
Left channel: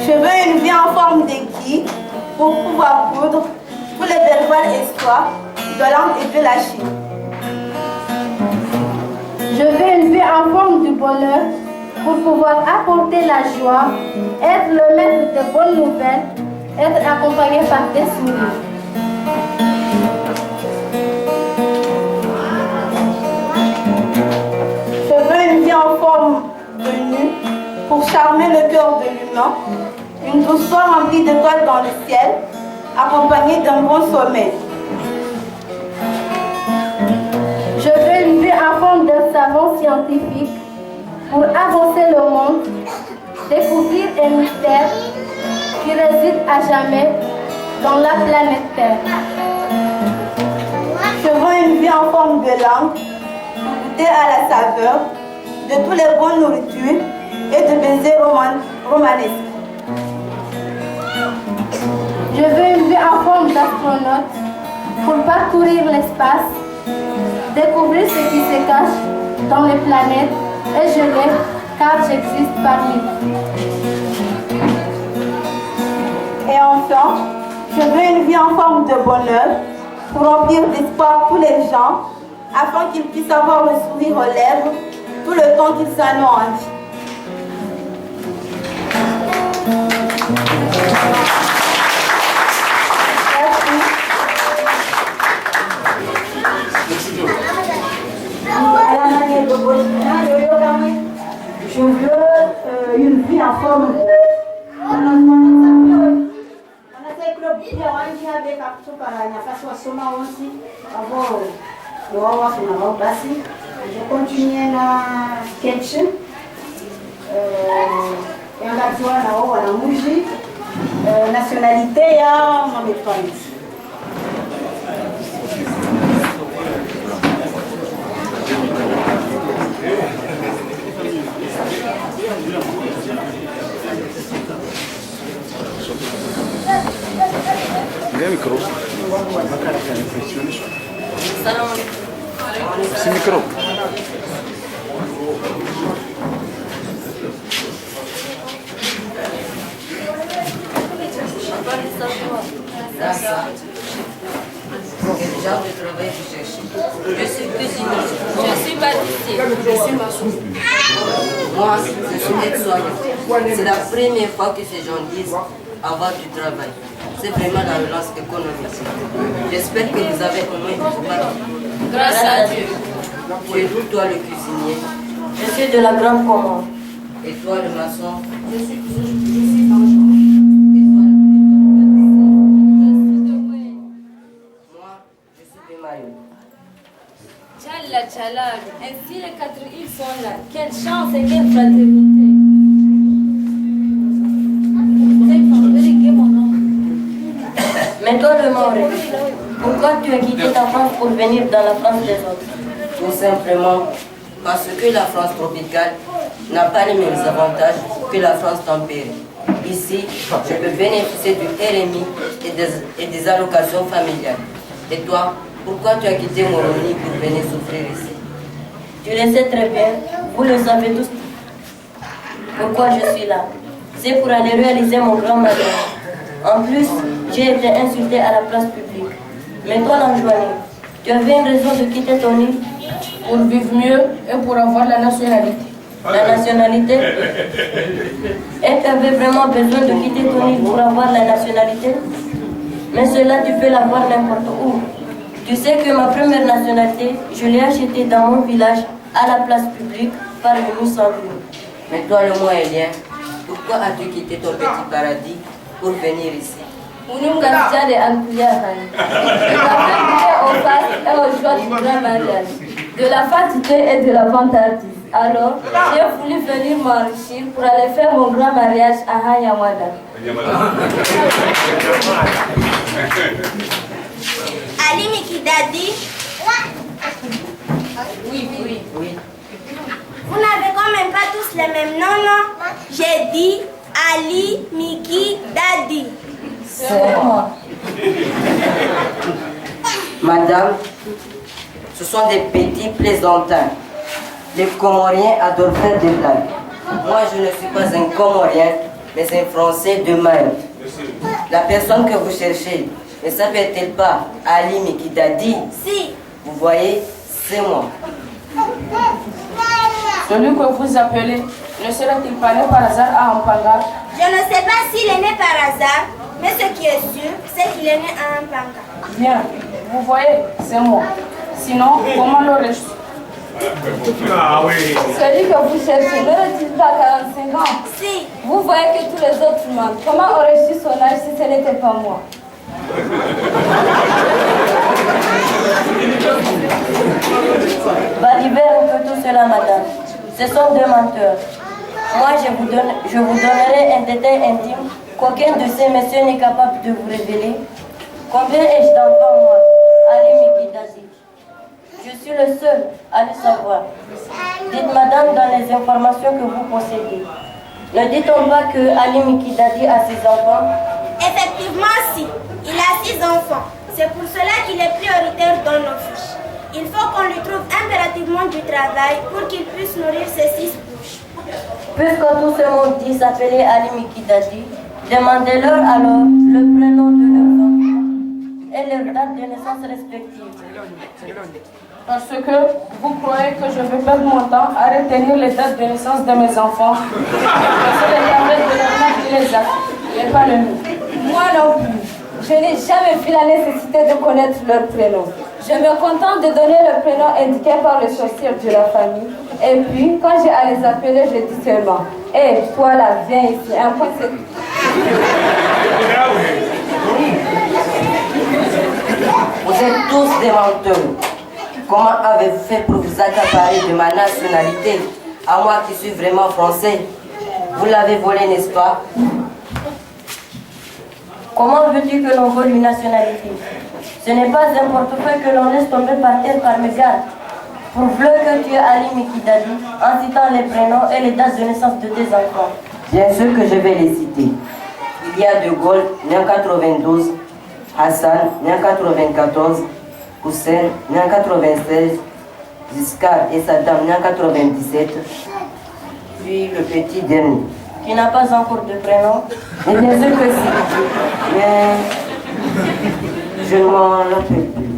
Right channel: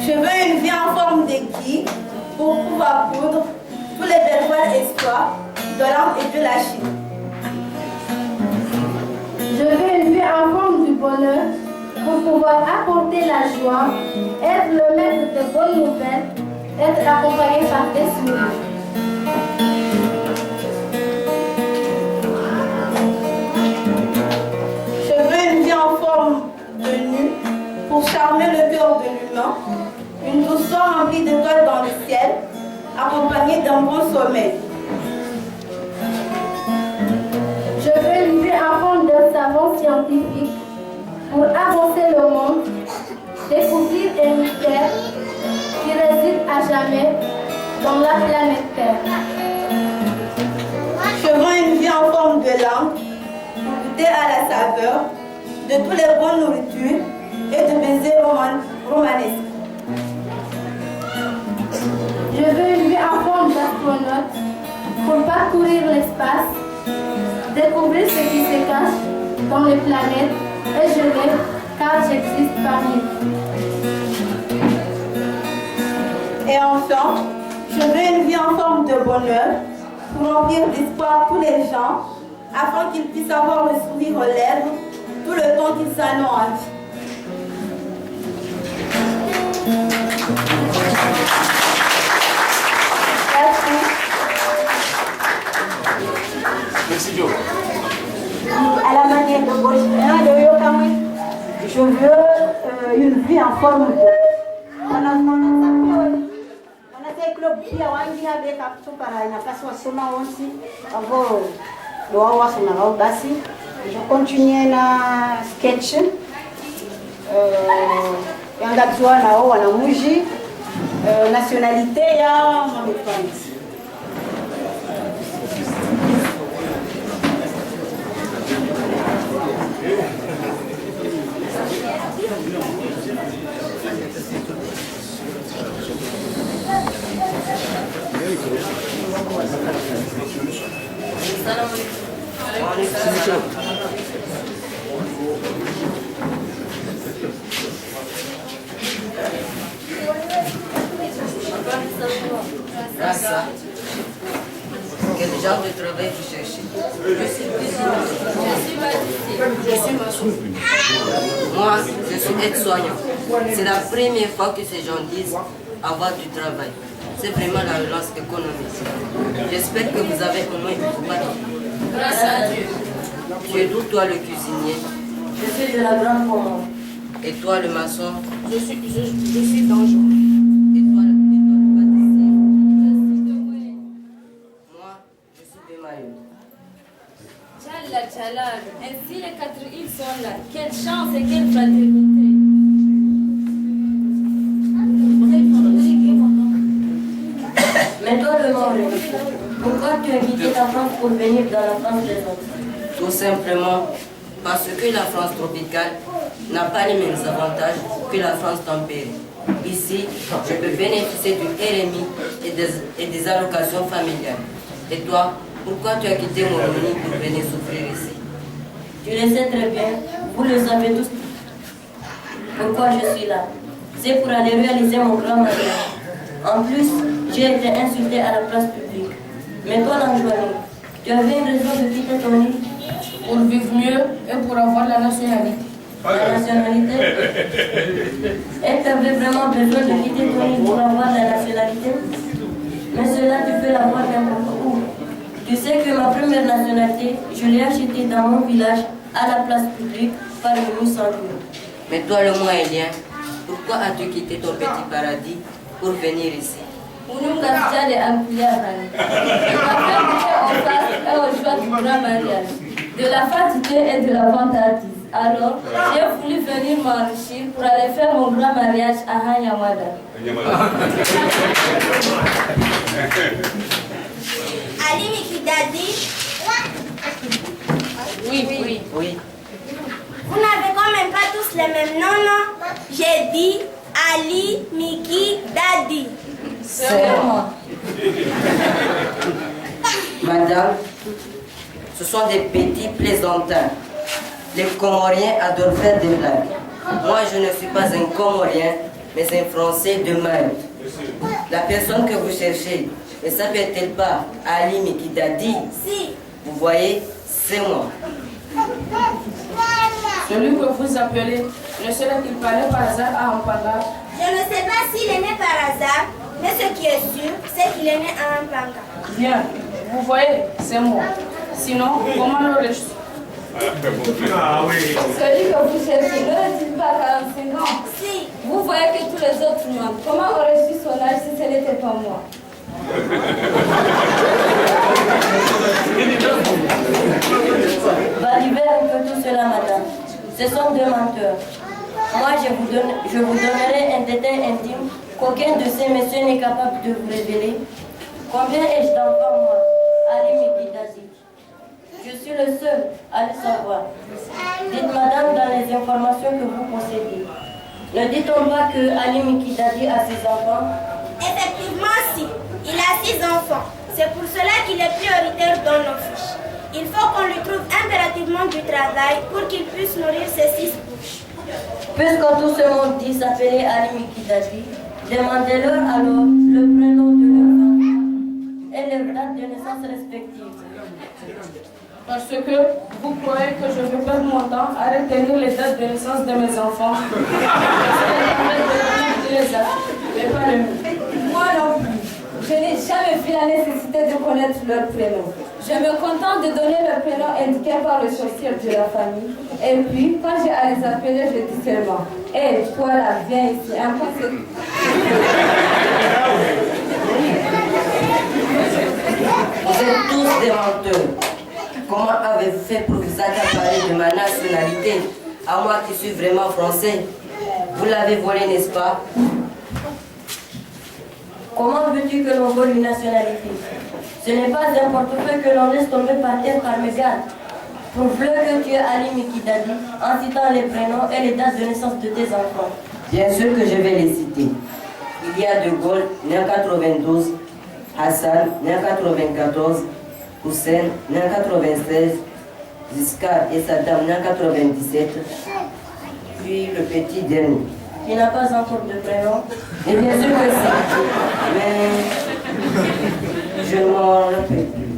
Je veux une vie en forme d'aiguille pour pouvoir coudre tous les belles voiles espoirs de l'Inde et de la Chine. Je veux une vie en forme du bonheur pour pouvoir apporter la joie, être le maître de bonnes nouvelles, être accompagné par des sourires. Je veux une vie en forme de nu pour charmer le cœur de l'humain, une douceur remplie d'étoiles dans le ciel, accompagnée d'un bon sommeil. Je veux une vie en forme d'un savant scientifique pour avancer le monde, découvrir un mystère qui réside à jamais dans la planète Terre. Je veux une vie en forme de langue pour goûter à la saveur de toutes les bonnes nourritures et de baisers romanesques. Je veux une vie en forme d'astronaute pour parcourir l'espace, découvrir ce qui se cache dans les planètes et je l'aime car j'existe parmi vous. Et enfin, je veux une vie en forme de bonheur pour remplir d'espoir tous les gens afin qu'ils puissent avoir le sourire aux lèvres tout le temps qu'ils en ont envie. Merci Joe. À la manière de Bolivien, je veux une vie en forme de. Je continue na sketch. Yangatua nao wanamuji nationalité ya Mametwanis. C'est micro. Ça. Quel genre de travail vous cherchez? Je suis cuisinier. Je suis pâtissier. Je suis maçon. Moi, je suis aide-soignant. C'est la première fois que ces gens disent avoir du travail. C'est vraiment la relance économique. J'espère que vous avez au moins une partie. Grâce à Dieu. Tu es d'où toi le cuisinier? Je suis de la Grande Comore. Et toi le maçon? Je suis d'Anjou. Et toi le pâtissier? Moi, je suis de Mayo. Tchalla, tchalla. Ainsi les 4 îles sont là. Quelle chance et quelle fraternité. Mais toi, le Maoré, pourquoi tu as quitté ta France pour venir dans la France des autres? Tout simplement parce que la France tropicale n'a pas les mêmes avantages que la France tempérée. Ici, je peux bénéficier du RMI et des allocations familiales. Et toi, pourquoi tu as quitté Moroni pour venir souffrir ici? Tu le sais très bien, vous le savez tous. Pourquoi je suis là? C'est pour aller réaliser mon grand mariage. En plus, j'ai été insultée à la place publique. Mais toi, l'Anjouani, tu avais une raison de quitter ton île? Pour vivre mieux et pour avoir la nationalité. La nationalité? Et tu avais vraiment besoin de quitter ton île pour avoir la nationalité? Mais cela, tu peux l'avoir n'importe où. Tu sais que ma première nationalité, je l'ai achetée dans mon village, à la place publique, par le Moussantou. Mais toi, le Moélien, pourquoi as-tu quitté ton petit paradis pour venir ici? De la joie du grand mariage, de la fatigué et de la vantardise. Alors, j'ai voulu venir m'enrichir pour aller faire mon grand mariage à Hanyamada. Ali Mikidadi. Oui. Vous n'avez quand même pas tous les mêmes noms, non? J'ai dit Ali Mikidadi. C'est moi. Madame, ce sont des petits plaisantins. Les Comoriens adorent faire des blagues. Moi, je ne suis pas un Comorien, mais un Français de Mayotte. La personne que vous cherchez, ne s'appelle-t-elle pas Ali Mikidadi? Si. Vous voyez, c'est moi. Celui que vous appelez, ne serait-il pas né par hasard à Ampanga? Je ne sais pas s'il est né par hasard, mais ce qui est sûr, c'est qu'il est né à Ampanga. Bien, vous voyez, c'est moi. Sinon, comment l'aurais-je su? Celui que vous cherchez, n'aurait-il pas 45 ans? Si. Vous voyez que tous les autres mentent. Comment aurais-je su son âge si ce n'était pas moi? Valibert un peu tout cela, madame. Ce sont deux menteurs. Moi, je vous donnerai un détail intime qu'aucun de ces messieurs n'est capable de vous révéler. Combien ai-je d'enfants, moi? Ali Mikidadi. Je suis le seul à le savoir. Dites, madame, dans les informations que vous possédez, ne dit-on pas que Ali Mikidadi a 6 enfants? Effectivement, si. Il a 6 enfants. C'est pour cela qu'il est prioritaire dans nos fiches. Il faut qu'on lui trouve impérativement du travail pour qu'il puisse nourrir ses 6 bouches. Puisque tout ce monde dit s'appeler Ali Mikidadi, demandez-leur alors le prénom de leurs enfants et leur date de naissance respective. Parce que vous croyez que je vais perdre mon temps à retenir les dates de naissance de mes enfants. C'est les tablettes de leur mère qui les a, mais pas le mien. Moi non plus. Je n'ai jamais vu la nécessité de connaître leur prénom. Je me contente de donner le prénom indiqué par le sorcier de la famille. Et puis, quand j'ai à les appeler, je dis seulement « Hé, toi là, viens ici. » Un point, c'est... Vous êtes tous des menteurs. Comment avez-vous fait pour vous accaparer de ma nationalité, à moi qui suis vraiment français? Vous l'avez volé, n'est-ce pas? Comment veux-tu que l'on vole une nationalité? Ce n'est pas un portefeuille que l'on laisse tomber par terre par mégarde. Prouve-le que tu es Ali Mikidadi en citant les prénoms et les dates de naissance de tes enfants. Bien sûr que je vais les citer. Il y a De Gaulle, né en 92, Hassan, né en 94, Hussein, né en 96, Giscard et Saddam, né en 97, puis le petit dernier. Tu n'as pas encore de prénom? Et bien sûr que si, mais je ne m'en rappelle plus.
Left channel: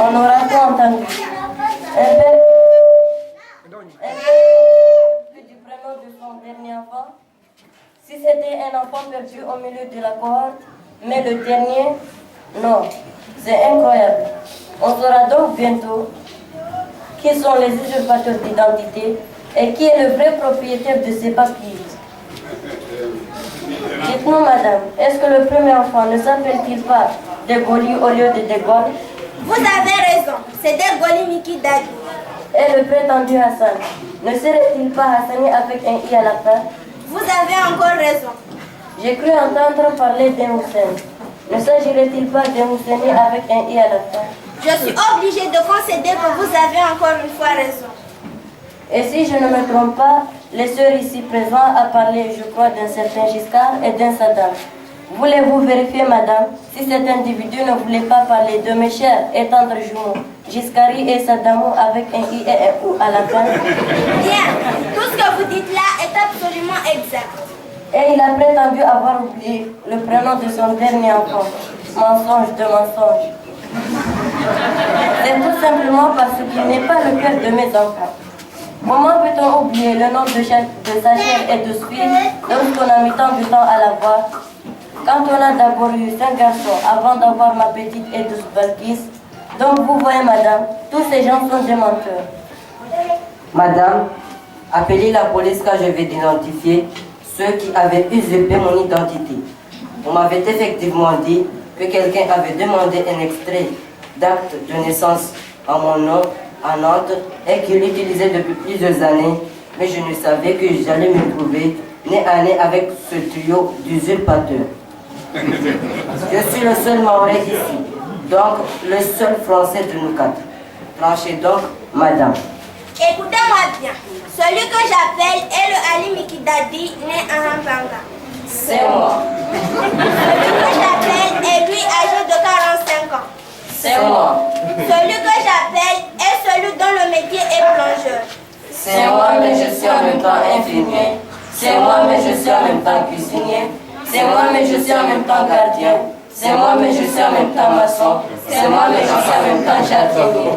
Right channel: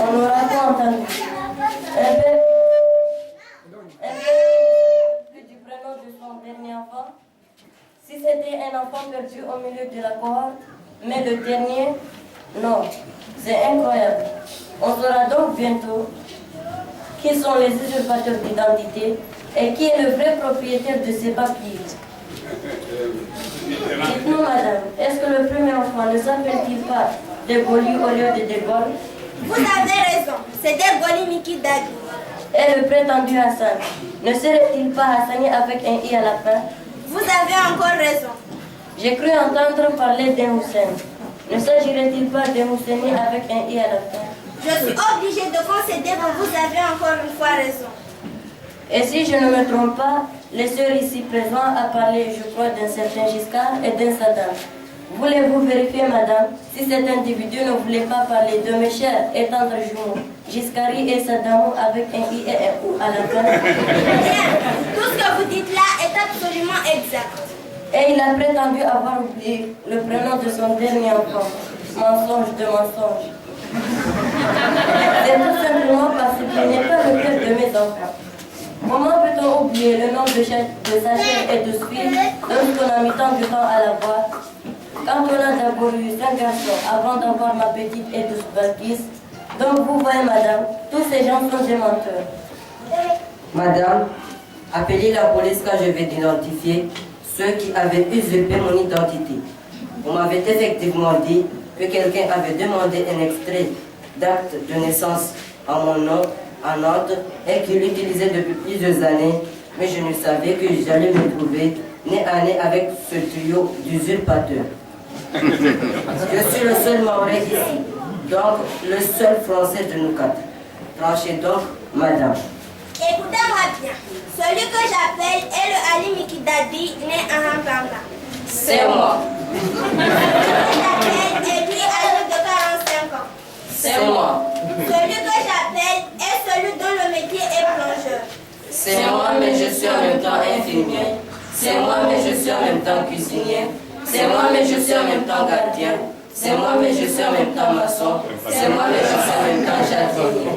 On aura tout entendu. Un père du prénom de son dernier enfant. Si c'était un enfant perdu au milieu de la cohorte, mais le dernier, non. C'est incroyable. On saura donc bientôt qui sont les usurpateurs d'identité et qui est le vrai propriétaire de ces papiers. Dites-nous, madame, est-ce que le premier enfant ne s'appelle-t-il pas Degoli au lieu de Degol? Vous avez raison, c'est Degoli Mikidadi. Et le prétendu Hassan, ne serait-il pas Hassani avec un i à la fin? Vous avez encore raison. J'ai cru entendre parler d'un Hussein. Ne s'agirait-il pas d'un Husseini avec un i à la fin? Je suis obligée de concéder que vous avez encore une fois raison. Et si je ne me trompe pas, les sœurs ici présentes a parlé, je crois, d'un certain Giscard et d'un Saddam. Voulez-vous vérifier, madame, si cet individu ne voulait pas parler de mes chers et tendres jumeaux, Giscari et Saddam avec un i et un ou à la fin? Bien, tout ce que vous dites là est absolument exact. Et il a prétendu avoir oublié le prénom de son dernier enfant. Mensonge de mensonge. C'est tout simplement parce qu'il n'est pas le père de mes enfants. Comment peut-on oublier le nom de sa chair et de ce fils lorsqu'on a mis tant de temps à l'avoir? Quand on a d'abord eu 5 garçons avant d'avoir ma petite et douce Balkis. Donc vous voyez, madame, tous ces gens sont des menteurs. Madame, appelez la police car je vais identifier ceux qui avaient usurpé mon identité. On m'avait effectivement dit que quelqu'un avait demandé un extrait d'acte de naissance en mon nom à Nantes et qu'il l'utilisait depuis plusieurs années, mais je ne savais que j'allais me trouver nez à nez avec ce trio d'usurpateurs. Je suis le seul Maoré ici, donc le seul Français de nous quatre. Tranchez donc, madame. Écoutez-moi bien, celui que j'appelle est le Ali Mikidadi né à Rampanga. C'est moi. Celui que j'appelle est lui âgé de 45 ans. C'est moi. Celui que j'appelle est celui dont le métier est plongeur. C'est moi, mais je suis en même temps infirmier. C'est moi, mais je suis en même temps cuisinier. C'est moi, mais je suis en même temps gardien. C'est moi, mais je suis en même temps maçon. C'est moi, mais je suis en même temps jardinier.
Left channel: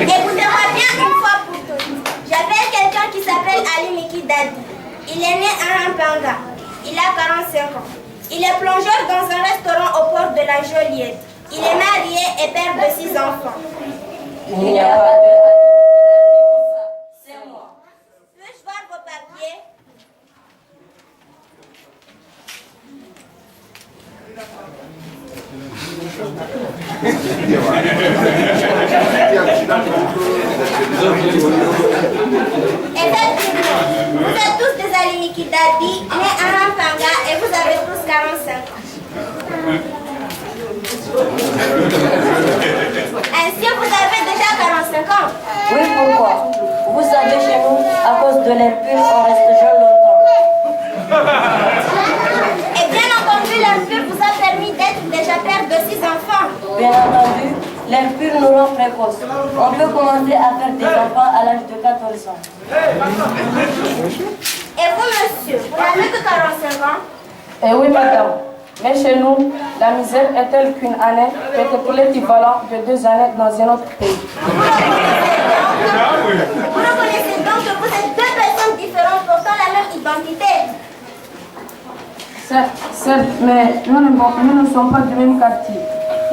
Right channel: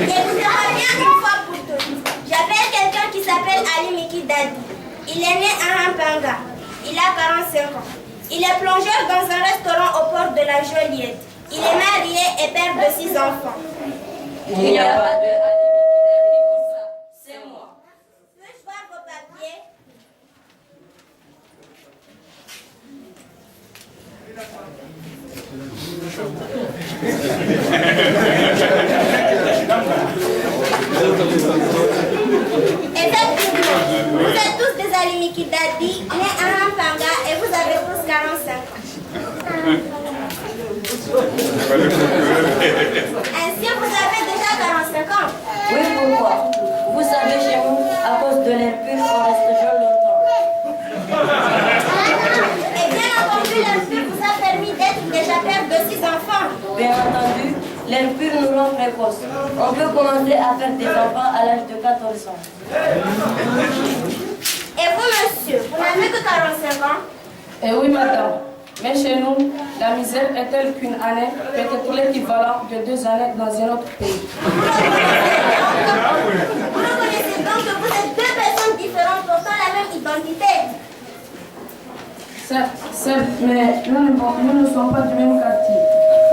Écoutez-moi bien une fois pour toutes. J'appelle quelqu'un qui s'appelle Ali Mikidadi. Il est né à Rampanga. Il a 45 ans. Il est plongeur dans un restaurant au port de la Joliette. Il est marié et père de 6 enfants. Il n'y a pas de... C'est moi. Peux-je voir vos papiers? Effectivement, vous êtes tous des Ali Mikidadi, nés à Rampanga et vous avez tous 45 ans. Ainsi, vous avez déjà 45 ans. Oui, pourquoi? Vous savez, chez nous, à cause de l'air pur, on reste jeune longtemps. Et bien entendu, l'air pur vous a permis d'être déjà père de 6 enfants. Bien entendu, l'air pur nous rend précoces. On peut commencer à faire des enfants à l'âge de 14 ans. Et vous, monsieur, vous n'avez que 45 ans? Eh oui, madame. Mais chez nous, la misère est telle qu'une année peut être l'équivalent de 2 années dans un autre pays. Vous reconnaissez donc que vous êtes 2 personnes différentes portant la même identité. Certes, mais nous ne sommes pas du même quartier.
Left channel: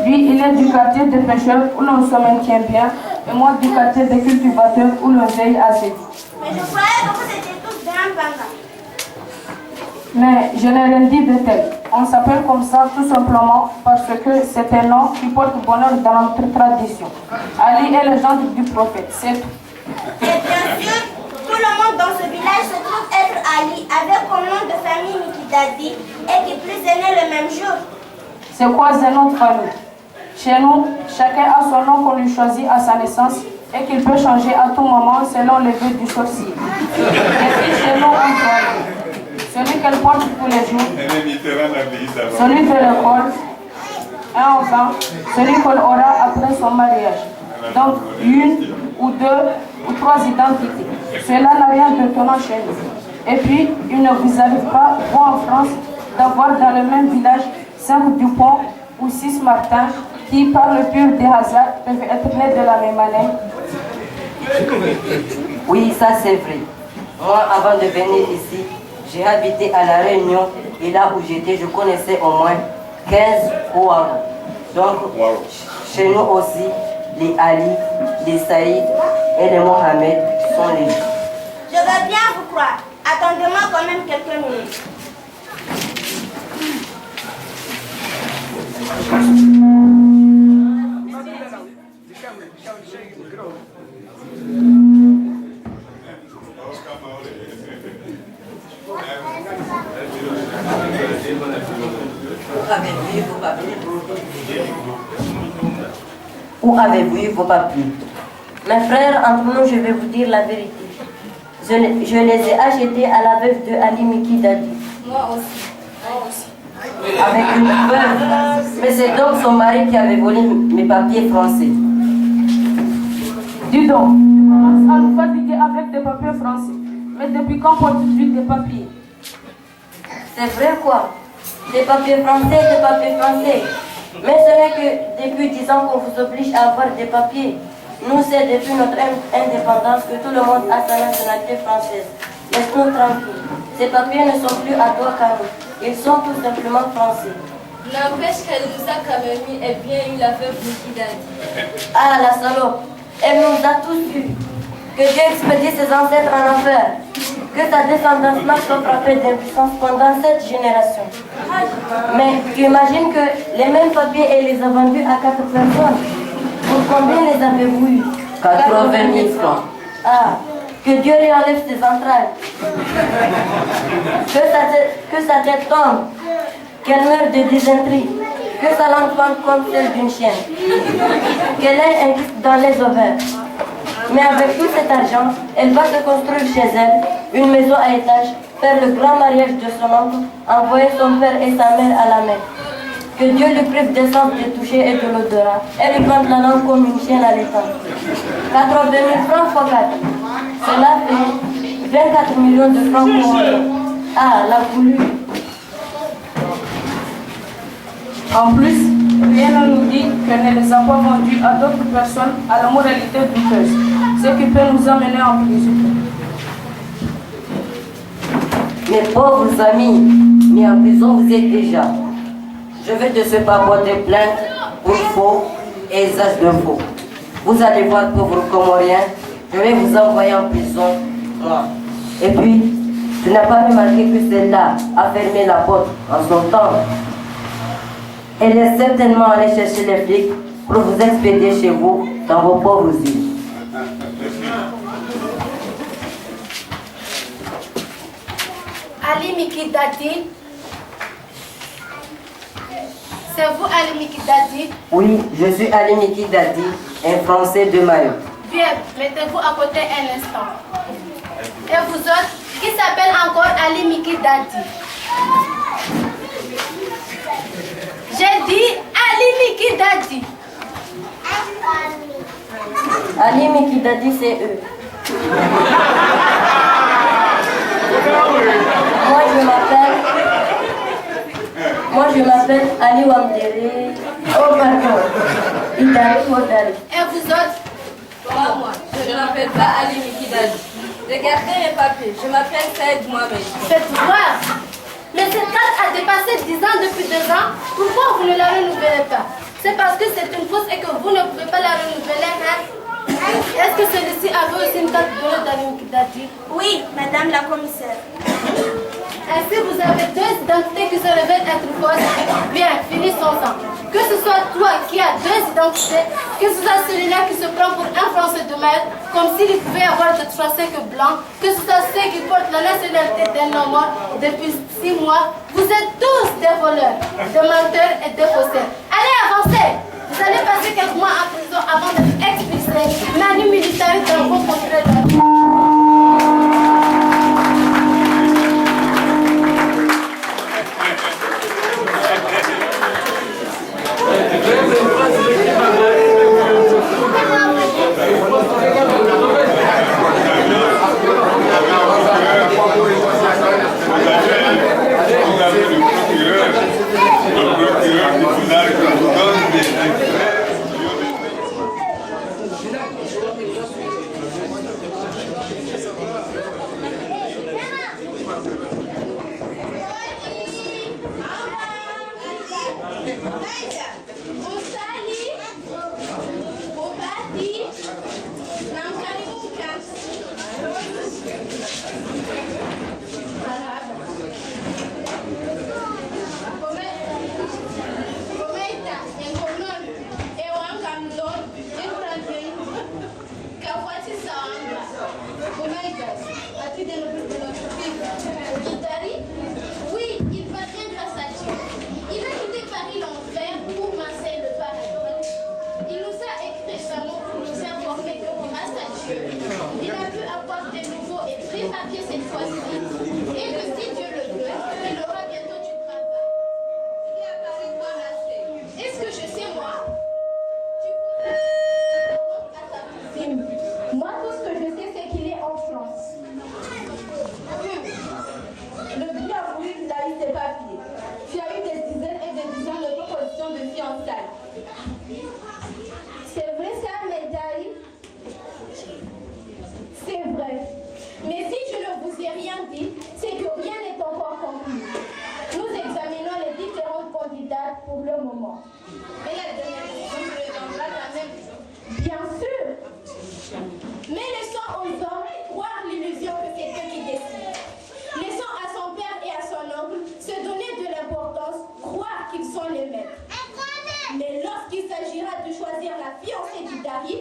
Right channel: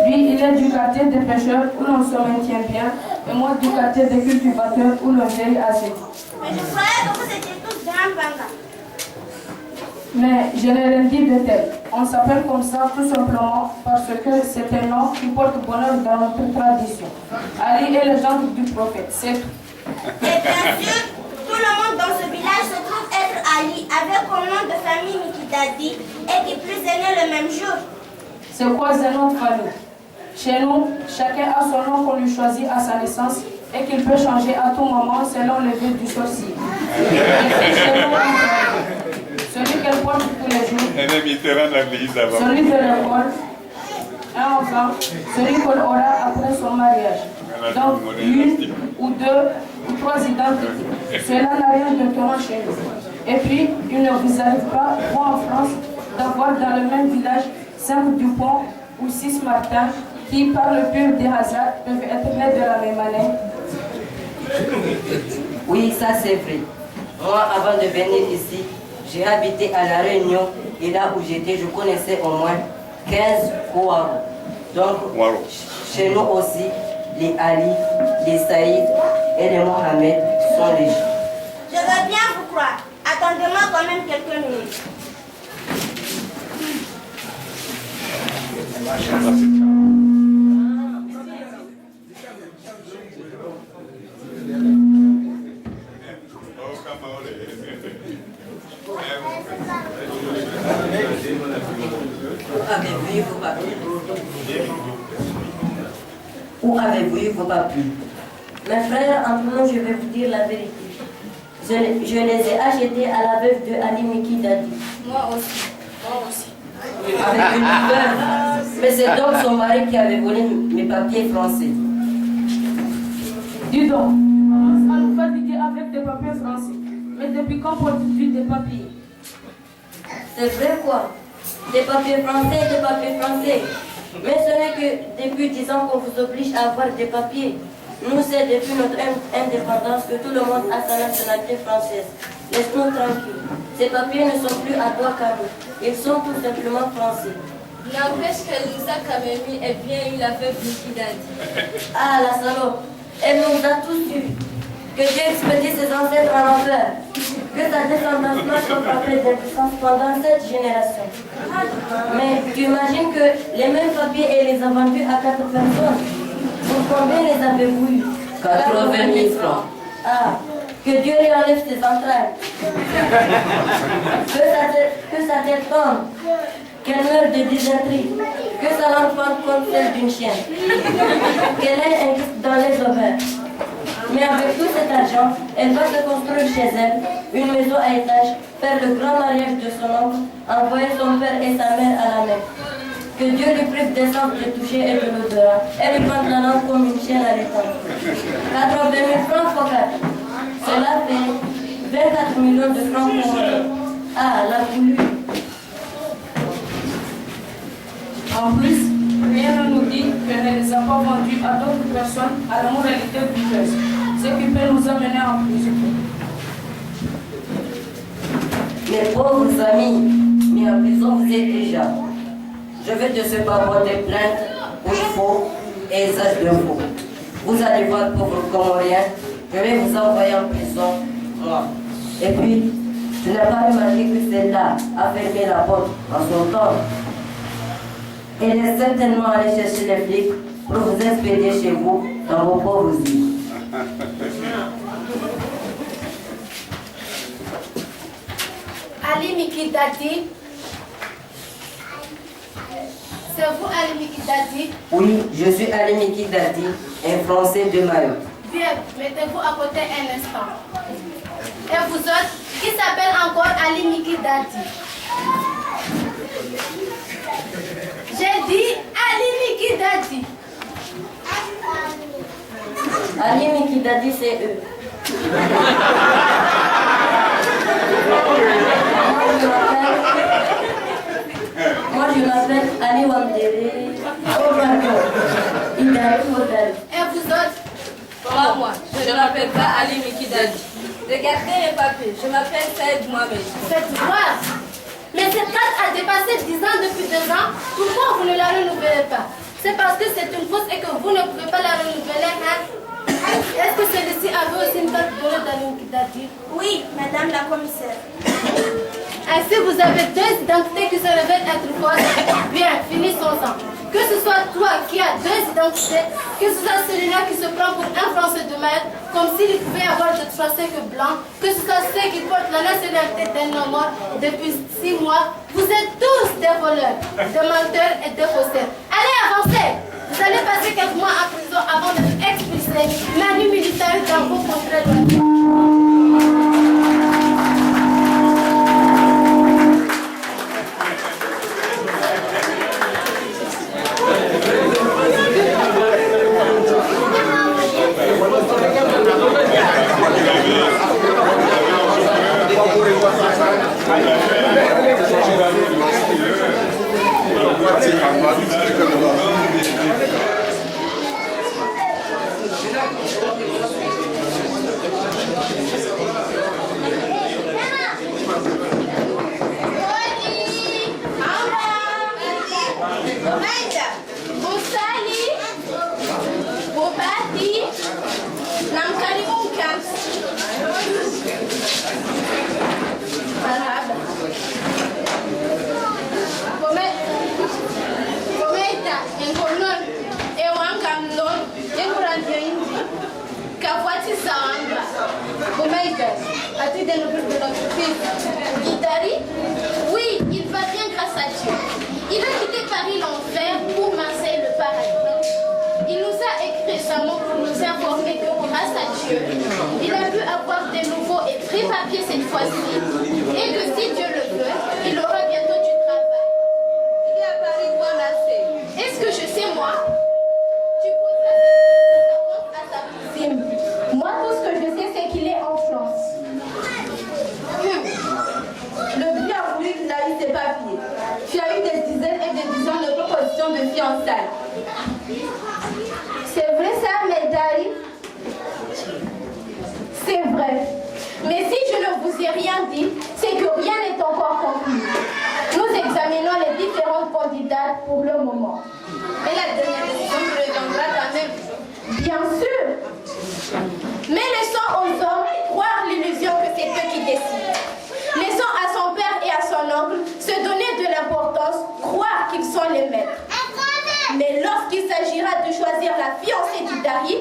Lui, il est du quartier des pêcheurs où l'on se maintient bien, et moi du quartier des cultivateurs où l'on veille à ses vies. Mais je croyais que vous étiez tous de même banga. Mais je n'ai rien dit de tel. On s'appelle comme ça tout simplement parce que c'est un nom qui porte bonheur dans notre tradition. Ali est le gendre du prophète, c'est tout. Et bien sûr, tout le monde dans ce village se trouve être Ali, avec comme nom de famille Mikidadi, et qui plus est né le même jour. C'est quoi notre famille? Chez nous, chacun a son nom qu'on lui choisit à sa naissance et qu'il peut changer à tout moment selon le vœu du sorcier. Et puis chez nous, celui qu'elle porte tous les jours, celui de l'école, un enfant, celui qu'on aura après son mariage. Donc, 1 ou 2 ou 3 identités. Cela n'a rien de étonnant chez nous. Et puis, il ne vous arrive pas, vous en France, d'avoir dans le même village 5 Dupont ou 6 Martin qui, par le pur des hasards, peuvent être nés de la même année. Oui, ça c'est vrai. Moi, avant de venir ici, j'ai habité à La Réunion et là où j'étais, je connaissais au moins 15 Ouarou. Donc, chez nous aussi, les Ali, les Saïd et les Mohamed sont les gens. Je veux bien vous croire. Attendez-moi quand même quelques minutes. Où avez-vous eu vos papiers? Mes frères, entre nous, je vais vous dire la vérité. Je les ai achetés à la veuve de Ali Miki Dadi. Moi aussi. Avec une veuve? Mais c'est donc son mari qui avait volé mes papiers français. Dis donc, tu commences à nous fatiguer avec des papiers français. Mais depuis quand portes-tu des papiers? C'est vrai quoi? Des papiers français. Mais ce n'est que depuis 10 ans qu'on vous oblige à avoir des papiers. Nous, c'est depuis notre indépendance que tout le monde a sa nationalité française. Laisse-nous tranquilles. Ces papiers ne sont plus à toi qu'à nous. Ils sont tout simplement français. N'empêche qu'elle nous a quand même eu et bien eu la veuve Mikidadi. Ah, la salope. Elle nous a tous eus. Que Dieu expédie ses ancêtres en enfer. Que sa descendance marche soit frappée d'impuissance pendant cette génération. Mais tu imagines que les mêmes papiers, elle les a vendus à 4 personnes. Pour combien les avez-vous eu? 80 000 francs. Ah, que Dieu lui enlève ses entrailles. Que sa tête tombe. Qu'elle meure de dysenterie. Que sa langue fende comme celle d'une chienne. Qu'elle ait un kyste dans les ovaires. Mais avec tout cet argent, elle va se construire chez elle une maison à étage, faire le grand mariage de son oncle, envoyer son père et sa mère à la Mecque. Que Dieu lui prive des sens de toucher et de l'odorat, et lui plante la langue comme une chienne à l'étang. 80 000 francs fois 4. Cela fait 24 millions de francs congolais. Ah, la voulu. En plus, rien ne nous dit qu'elle ne les a pas vendus à d'autres personnes à la moralité douteuse, ce qui peut nous amener en prison. Mes pauvres amis, mais en prison vous êtes déjà. Je vais de ce pas porter plainte pour faux et usage de faux. Vous allez voir, pauvre Comorien, je vais vous envoyer en prison, moi. Et puis, tu n'as pas remarqué que celle-là a fermé la porte en son temps. Elle est certainement allée chercher les flics pour vous expédier chez vous dans vos pauvres îles. Ali Mikidadi. C'est vous, Ali Mikidadi? Oui, je suis Ali Mikidadi, un Français de Mayotte. Bien, mettez-vous à côté un instant. Et vous autres, qui s'appelle encore Ali Mikidadi? J'ai dit Ali Mikidadi. Ali Mikidadi, c'est eux. Moi, je m'appelle Wamdere. Oh pardon. Idari Modari. Et vous autres? Moi, je ne m'appelle pas Ali Mikidali. Regardez les papiers, je m'appelle Saïd Mohamed. Faites voir. Mais cette carte a dépassé 10 ans depuis 2 ans. Pourquoi vous ne la renouvelez pas? C'est parce que c'est une fausse et que vous ne pouvez pas la renouveler, hein? Est-ce que celui-ci avait aussi une carte donnée d'Ali Mikidali? Oui, madame la commissaire. Ainsi, vous avez 2 identités qui se révèlent être fausses. Bien, finissons-en. Que ce soit toi qui as 2 identités, que ce soit celui-là qui se prend pour un Français de maître, comme s'il pouvait avoir de Français que blanc, que ce soit ceux qui portent la nationalité d'un homme mort depuis 6 mois, vous êtes tous des voleurs, des menteurs et des faussaires. Allez, avancez! Vous allez passer quelques mois en prison avant d'être expulsés. Manu militaire dans vos contrées. As-tu des nouvelles de notre fils? Idari? Oui, il va bien grâce à Dieu. Il a quitté Paris l'enfer pour Marseille le paradis. Il nous a écrit récemment pour nous informer que grâce à Dieu, il a pu avoir des nouveaux et vrais papiers cette fois-ci et que si Dieu le veut, il aura bientôt du travail. Il est à Paris ou à Marseille? Est-ce que je sais moi? Tu poseras à ta cousine. Moi, tout ce que je sais, c'est qu'il est en France. Le bien voulu qu'il a eu ses papiers. Tu as eu des dizaines et des dizaines de propositions de fiançailles. C'est vrai ça, Medari? C'est vrai. Mais si je ne vous ai rien dit, c'est que rien n'est encore conclu. Nous examinons les différentes candidates pour le moment. Mais la dernière décision se reviendra quand même. Bien sûr. Mais laissons aux hommes croire l'illusion que c'est eux qui décident. Laissons à son père et à son oncle se donner de l'importance, croire qu'ils sont les maîtres. Mais lorsqu'il s'agira de choisir la fiancée d'Idari,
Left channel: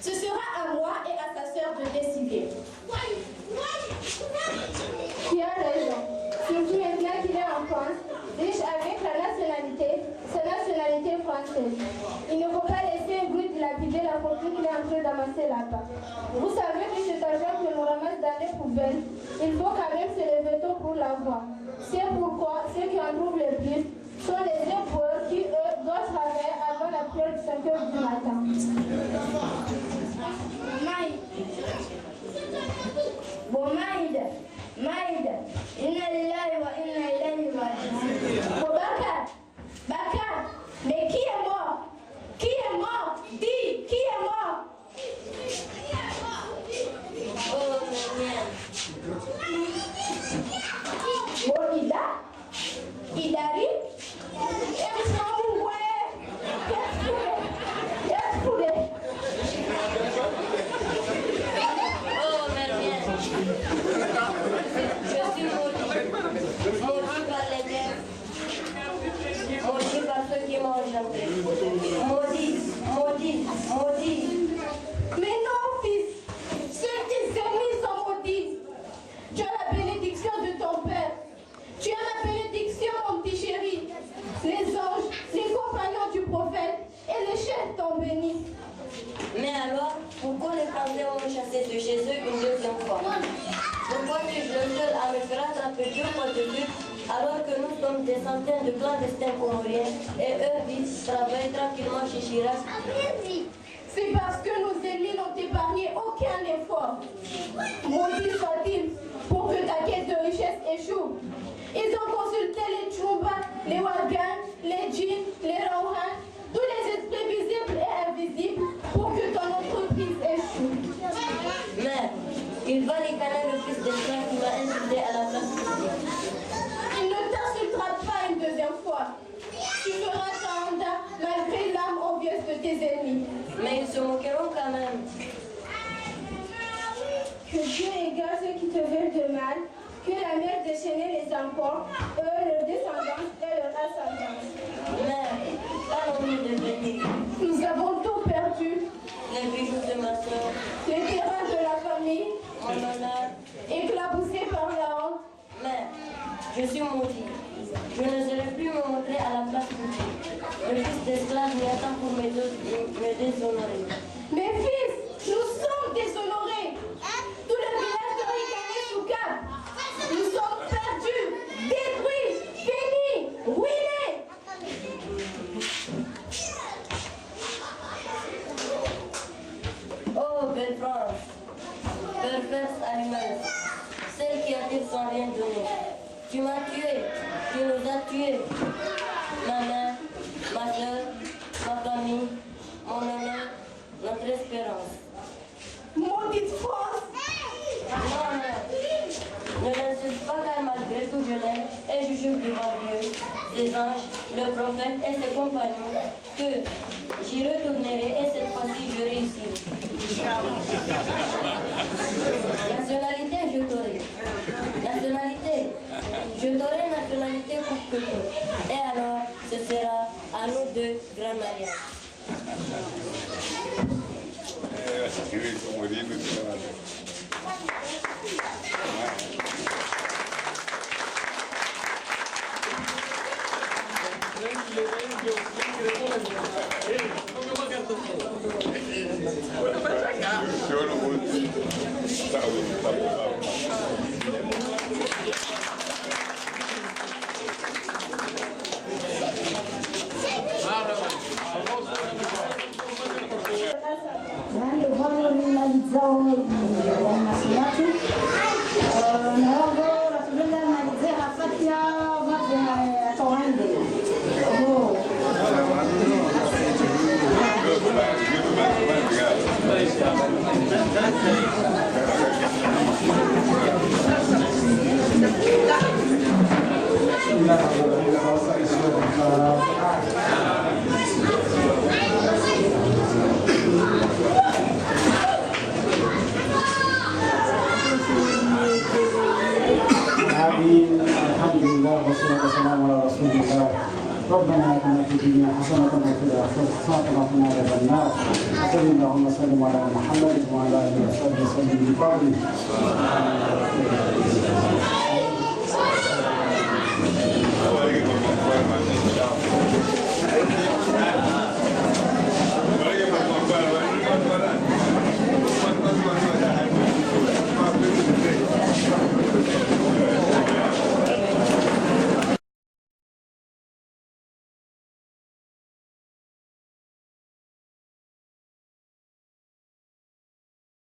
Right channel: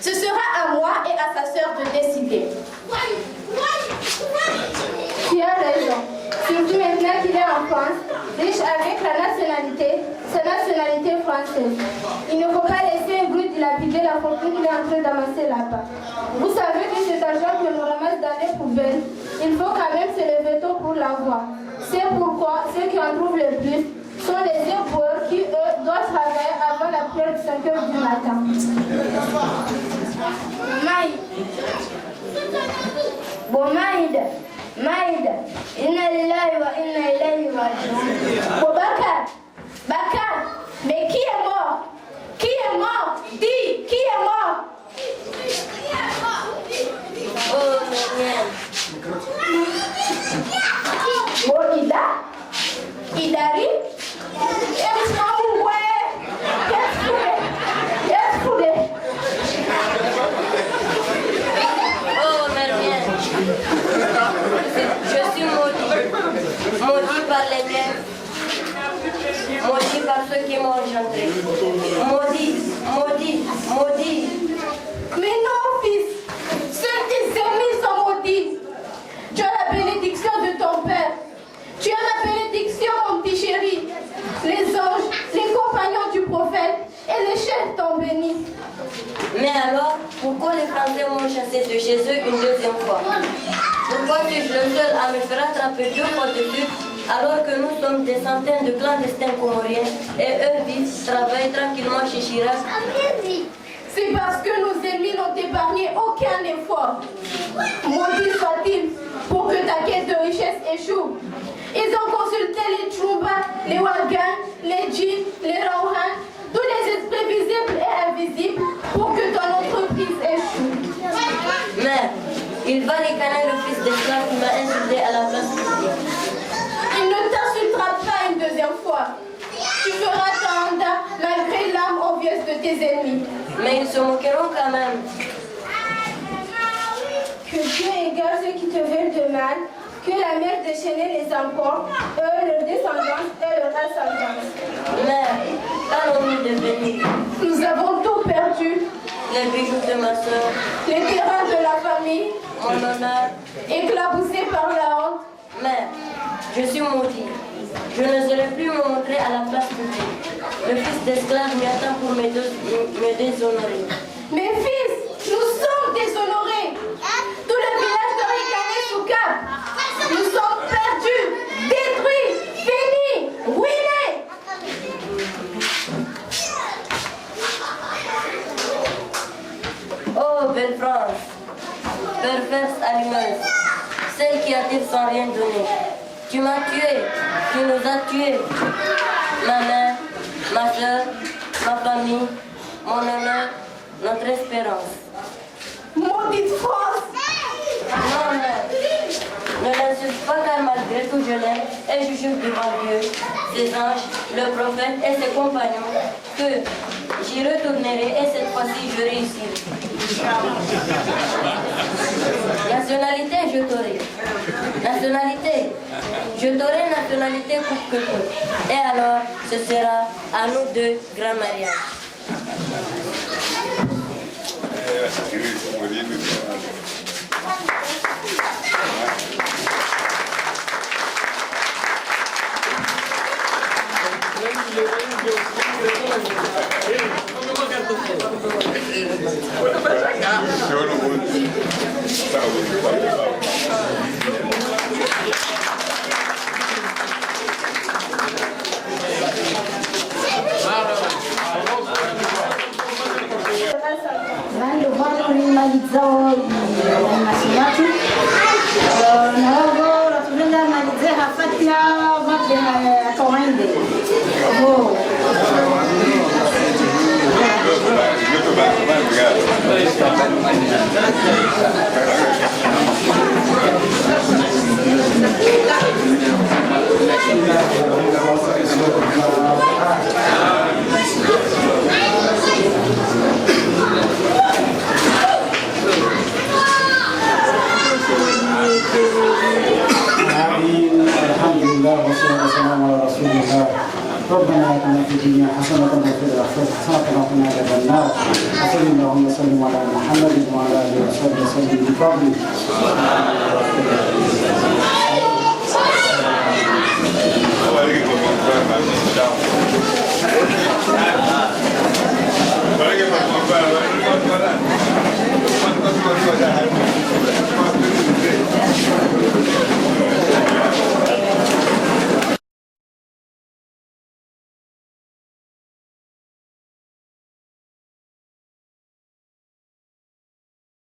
ce sera à moi et à sa sœur de décider. Tu as raison. Surtout maintenant qu'il est en France, riche avec la nationalité, sa nationalité française. Il ne faut pas laisser un bruit dilapider la fortune qu'il est en train d'amasser là-bas. Vous savez que cet argent que l'on ramasse dans les poubelles, il faut quand même se lever tôt pour l'avoir. C'est pourquoi ceux qui en trouvent le plus sont les éboueurs qui, eux, doivent travailler avant la prière de 5 h du matin. Maïd, inna lillahi wa inna ilayhi raji'un. Bakar, mais qui est mort? Qui est mort? Dis, qui est mort? Oh, Daniel. Bon, Idari? Oh, Marielle. Je suis maudit. Maudit par les miens. Maudit par ceux qui m'ont engendré. Maudit. Mais non, fils. Seuls tes ennemis sont maudits. Tu as la bénédiction de ton père. Tu as la bénédiction, mon petit chéri. Les anges, les compagnons du prophète et les chefs t'ont béni. Mais alors, pourquoi les Français m'ont chassé de chez eux une deuxième fois? Pourquoi suis-je le seul à me faire attraper 2 fois de suite alors que nous sommes des centaines de clandestins comoriens et eux vivent, travaillent tranquillement chez Chirac? C'est parce que nos ennemis n'ont épargné aucun effort. Maudit soit-il pour que ta quête de richesse échoue. Ils ont consulté les Tchumba, les Wagans, les Djinns, ricaner le fils d'esclave qui m'a insulté à la place publique. Il ne t'insultera pas une deuxième fois. Tu feras ta handa malgré l'âme envieuse de tes ennemis. Mais ils se moqueront quand même. Que Dieu égare ceux qui te veulent de mal, que la mer déchaînée les emporte, eux, leur descendance et leur ascendance. Mère, qu'allons-nous devenir? Nous avons tout perdu. Les bijoux de ma soeur, Les terrains de la famille, mon honneur, éclaboussés par la honte. mère, je suis maudit. Je n'oserai plus me montrer à la place publique. Le fils d'esclave m'y attend pour me déshonorer. Mes fils, nous sommes déshonorés. Tout le village de Ricané sous cap. Nous sommes perdus, détruits, finis, ruinés. Oh, belle France, perverse allumeuse, celle qui attire sans rien donner. Tu m'as tué, tu nous as tués. Ma mère, ma soeur, ma famille, mon honneur, notre espérance. Maudite France! Non, mère, ne l'insulte pas car malgré tout je l'aime et je jure devant Dieu, ses anges, le prophète et ses compagnons que j'y retournerai et cette fois-ci je réussirai. Nationalité, je t'aurai. Nationalité, je t'aurai nationalité coûte que coûte. Et alors, ce sera à nous deux grand mariage. Nando vano rimalizao animation yetu na hivyo tunataka malizie hafati ya mambo ya kawaida. الحمد لله والصلاة والسلام على رسول الله. ربنا آتنا في الدنيا حسنة وفي الآخرة حسنة وقنا عذاب النار. وصلى اللهم وسلم على محمد وعلى آله وصحبه وسلم بفضله.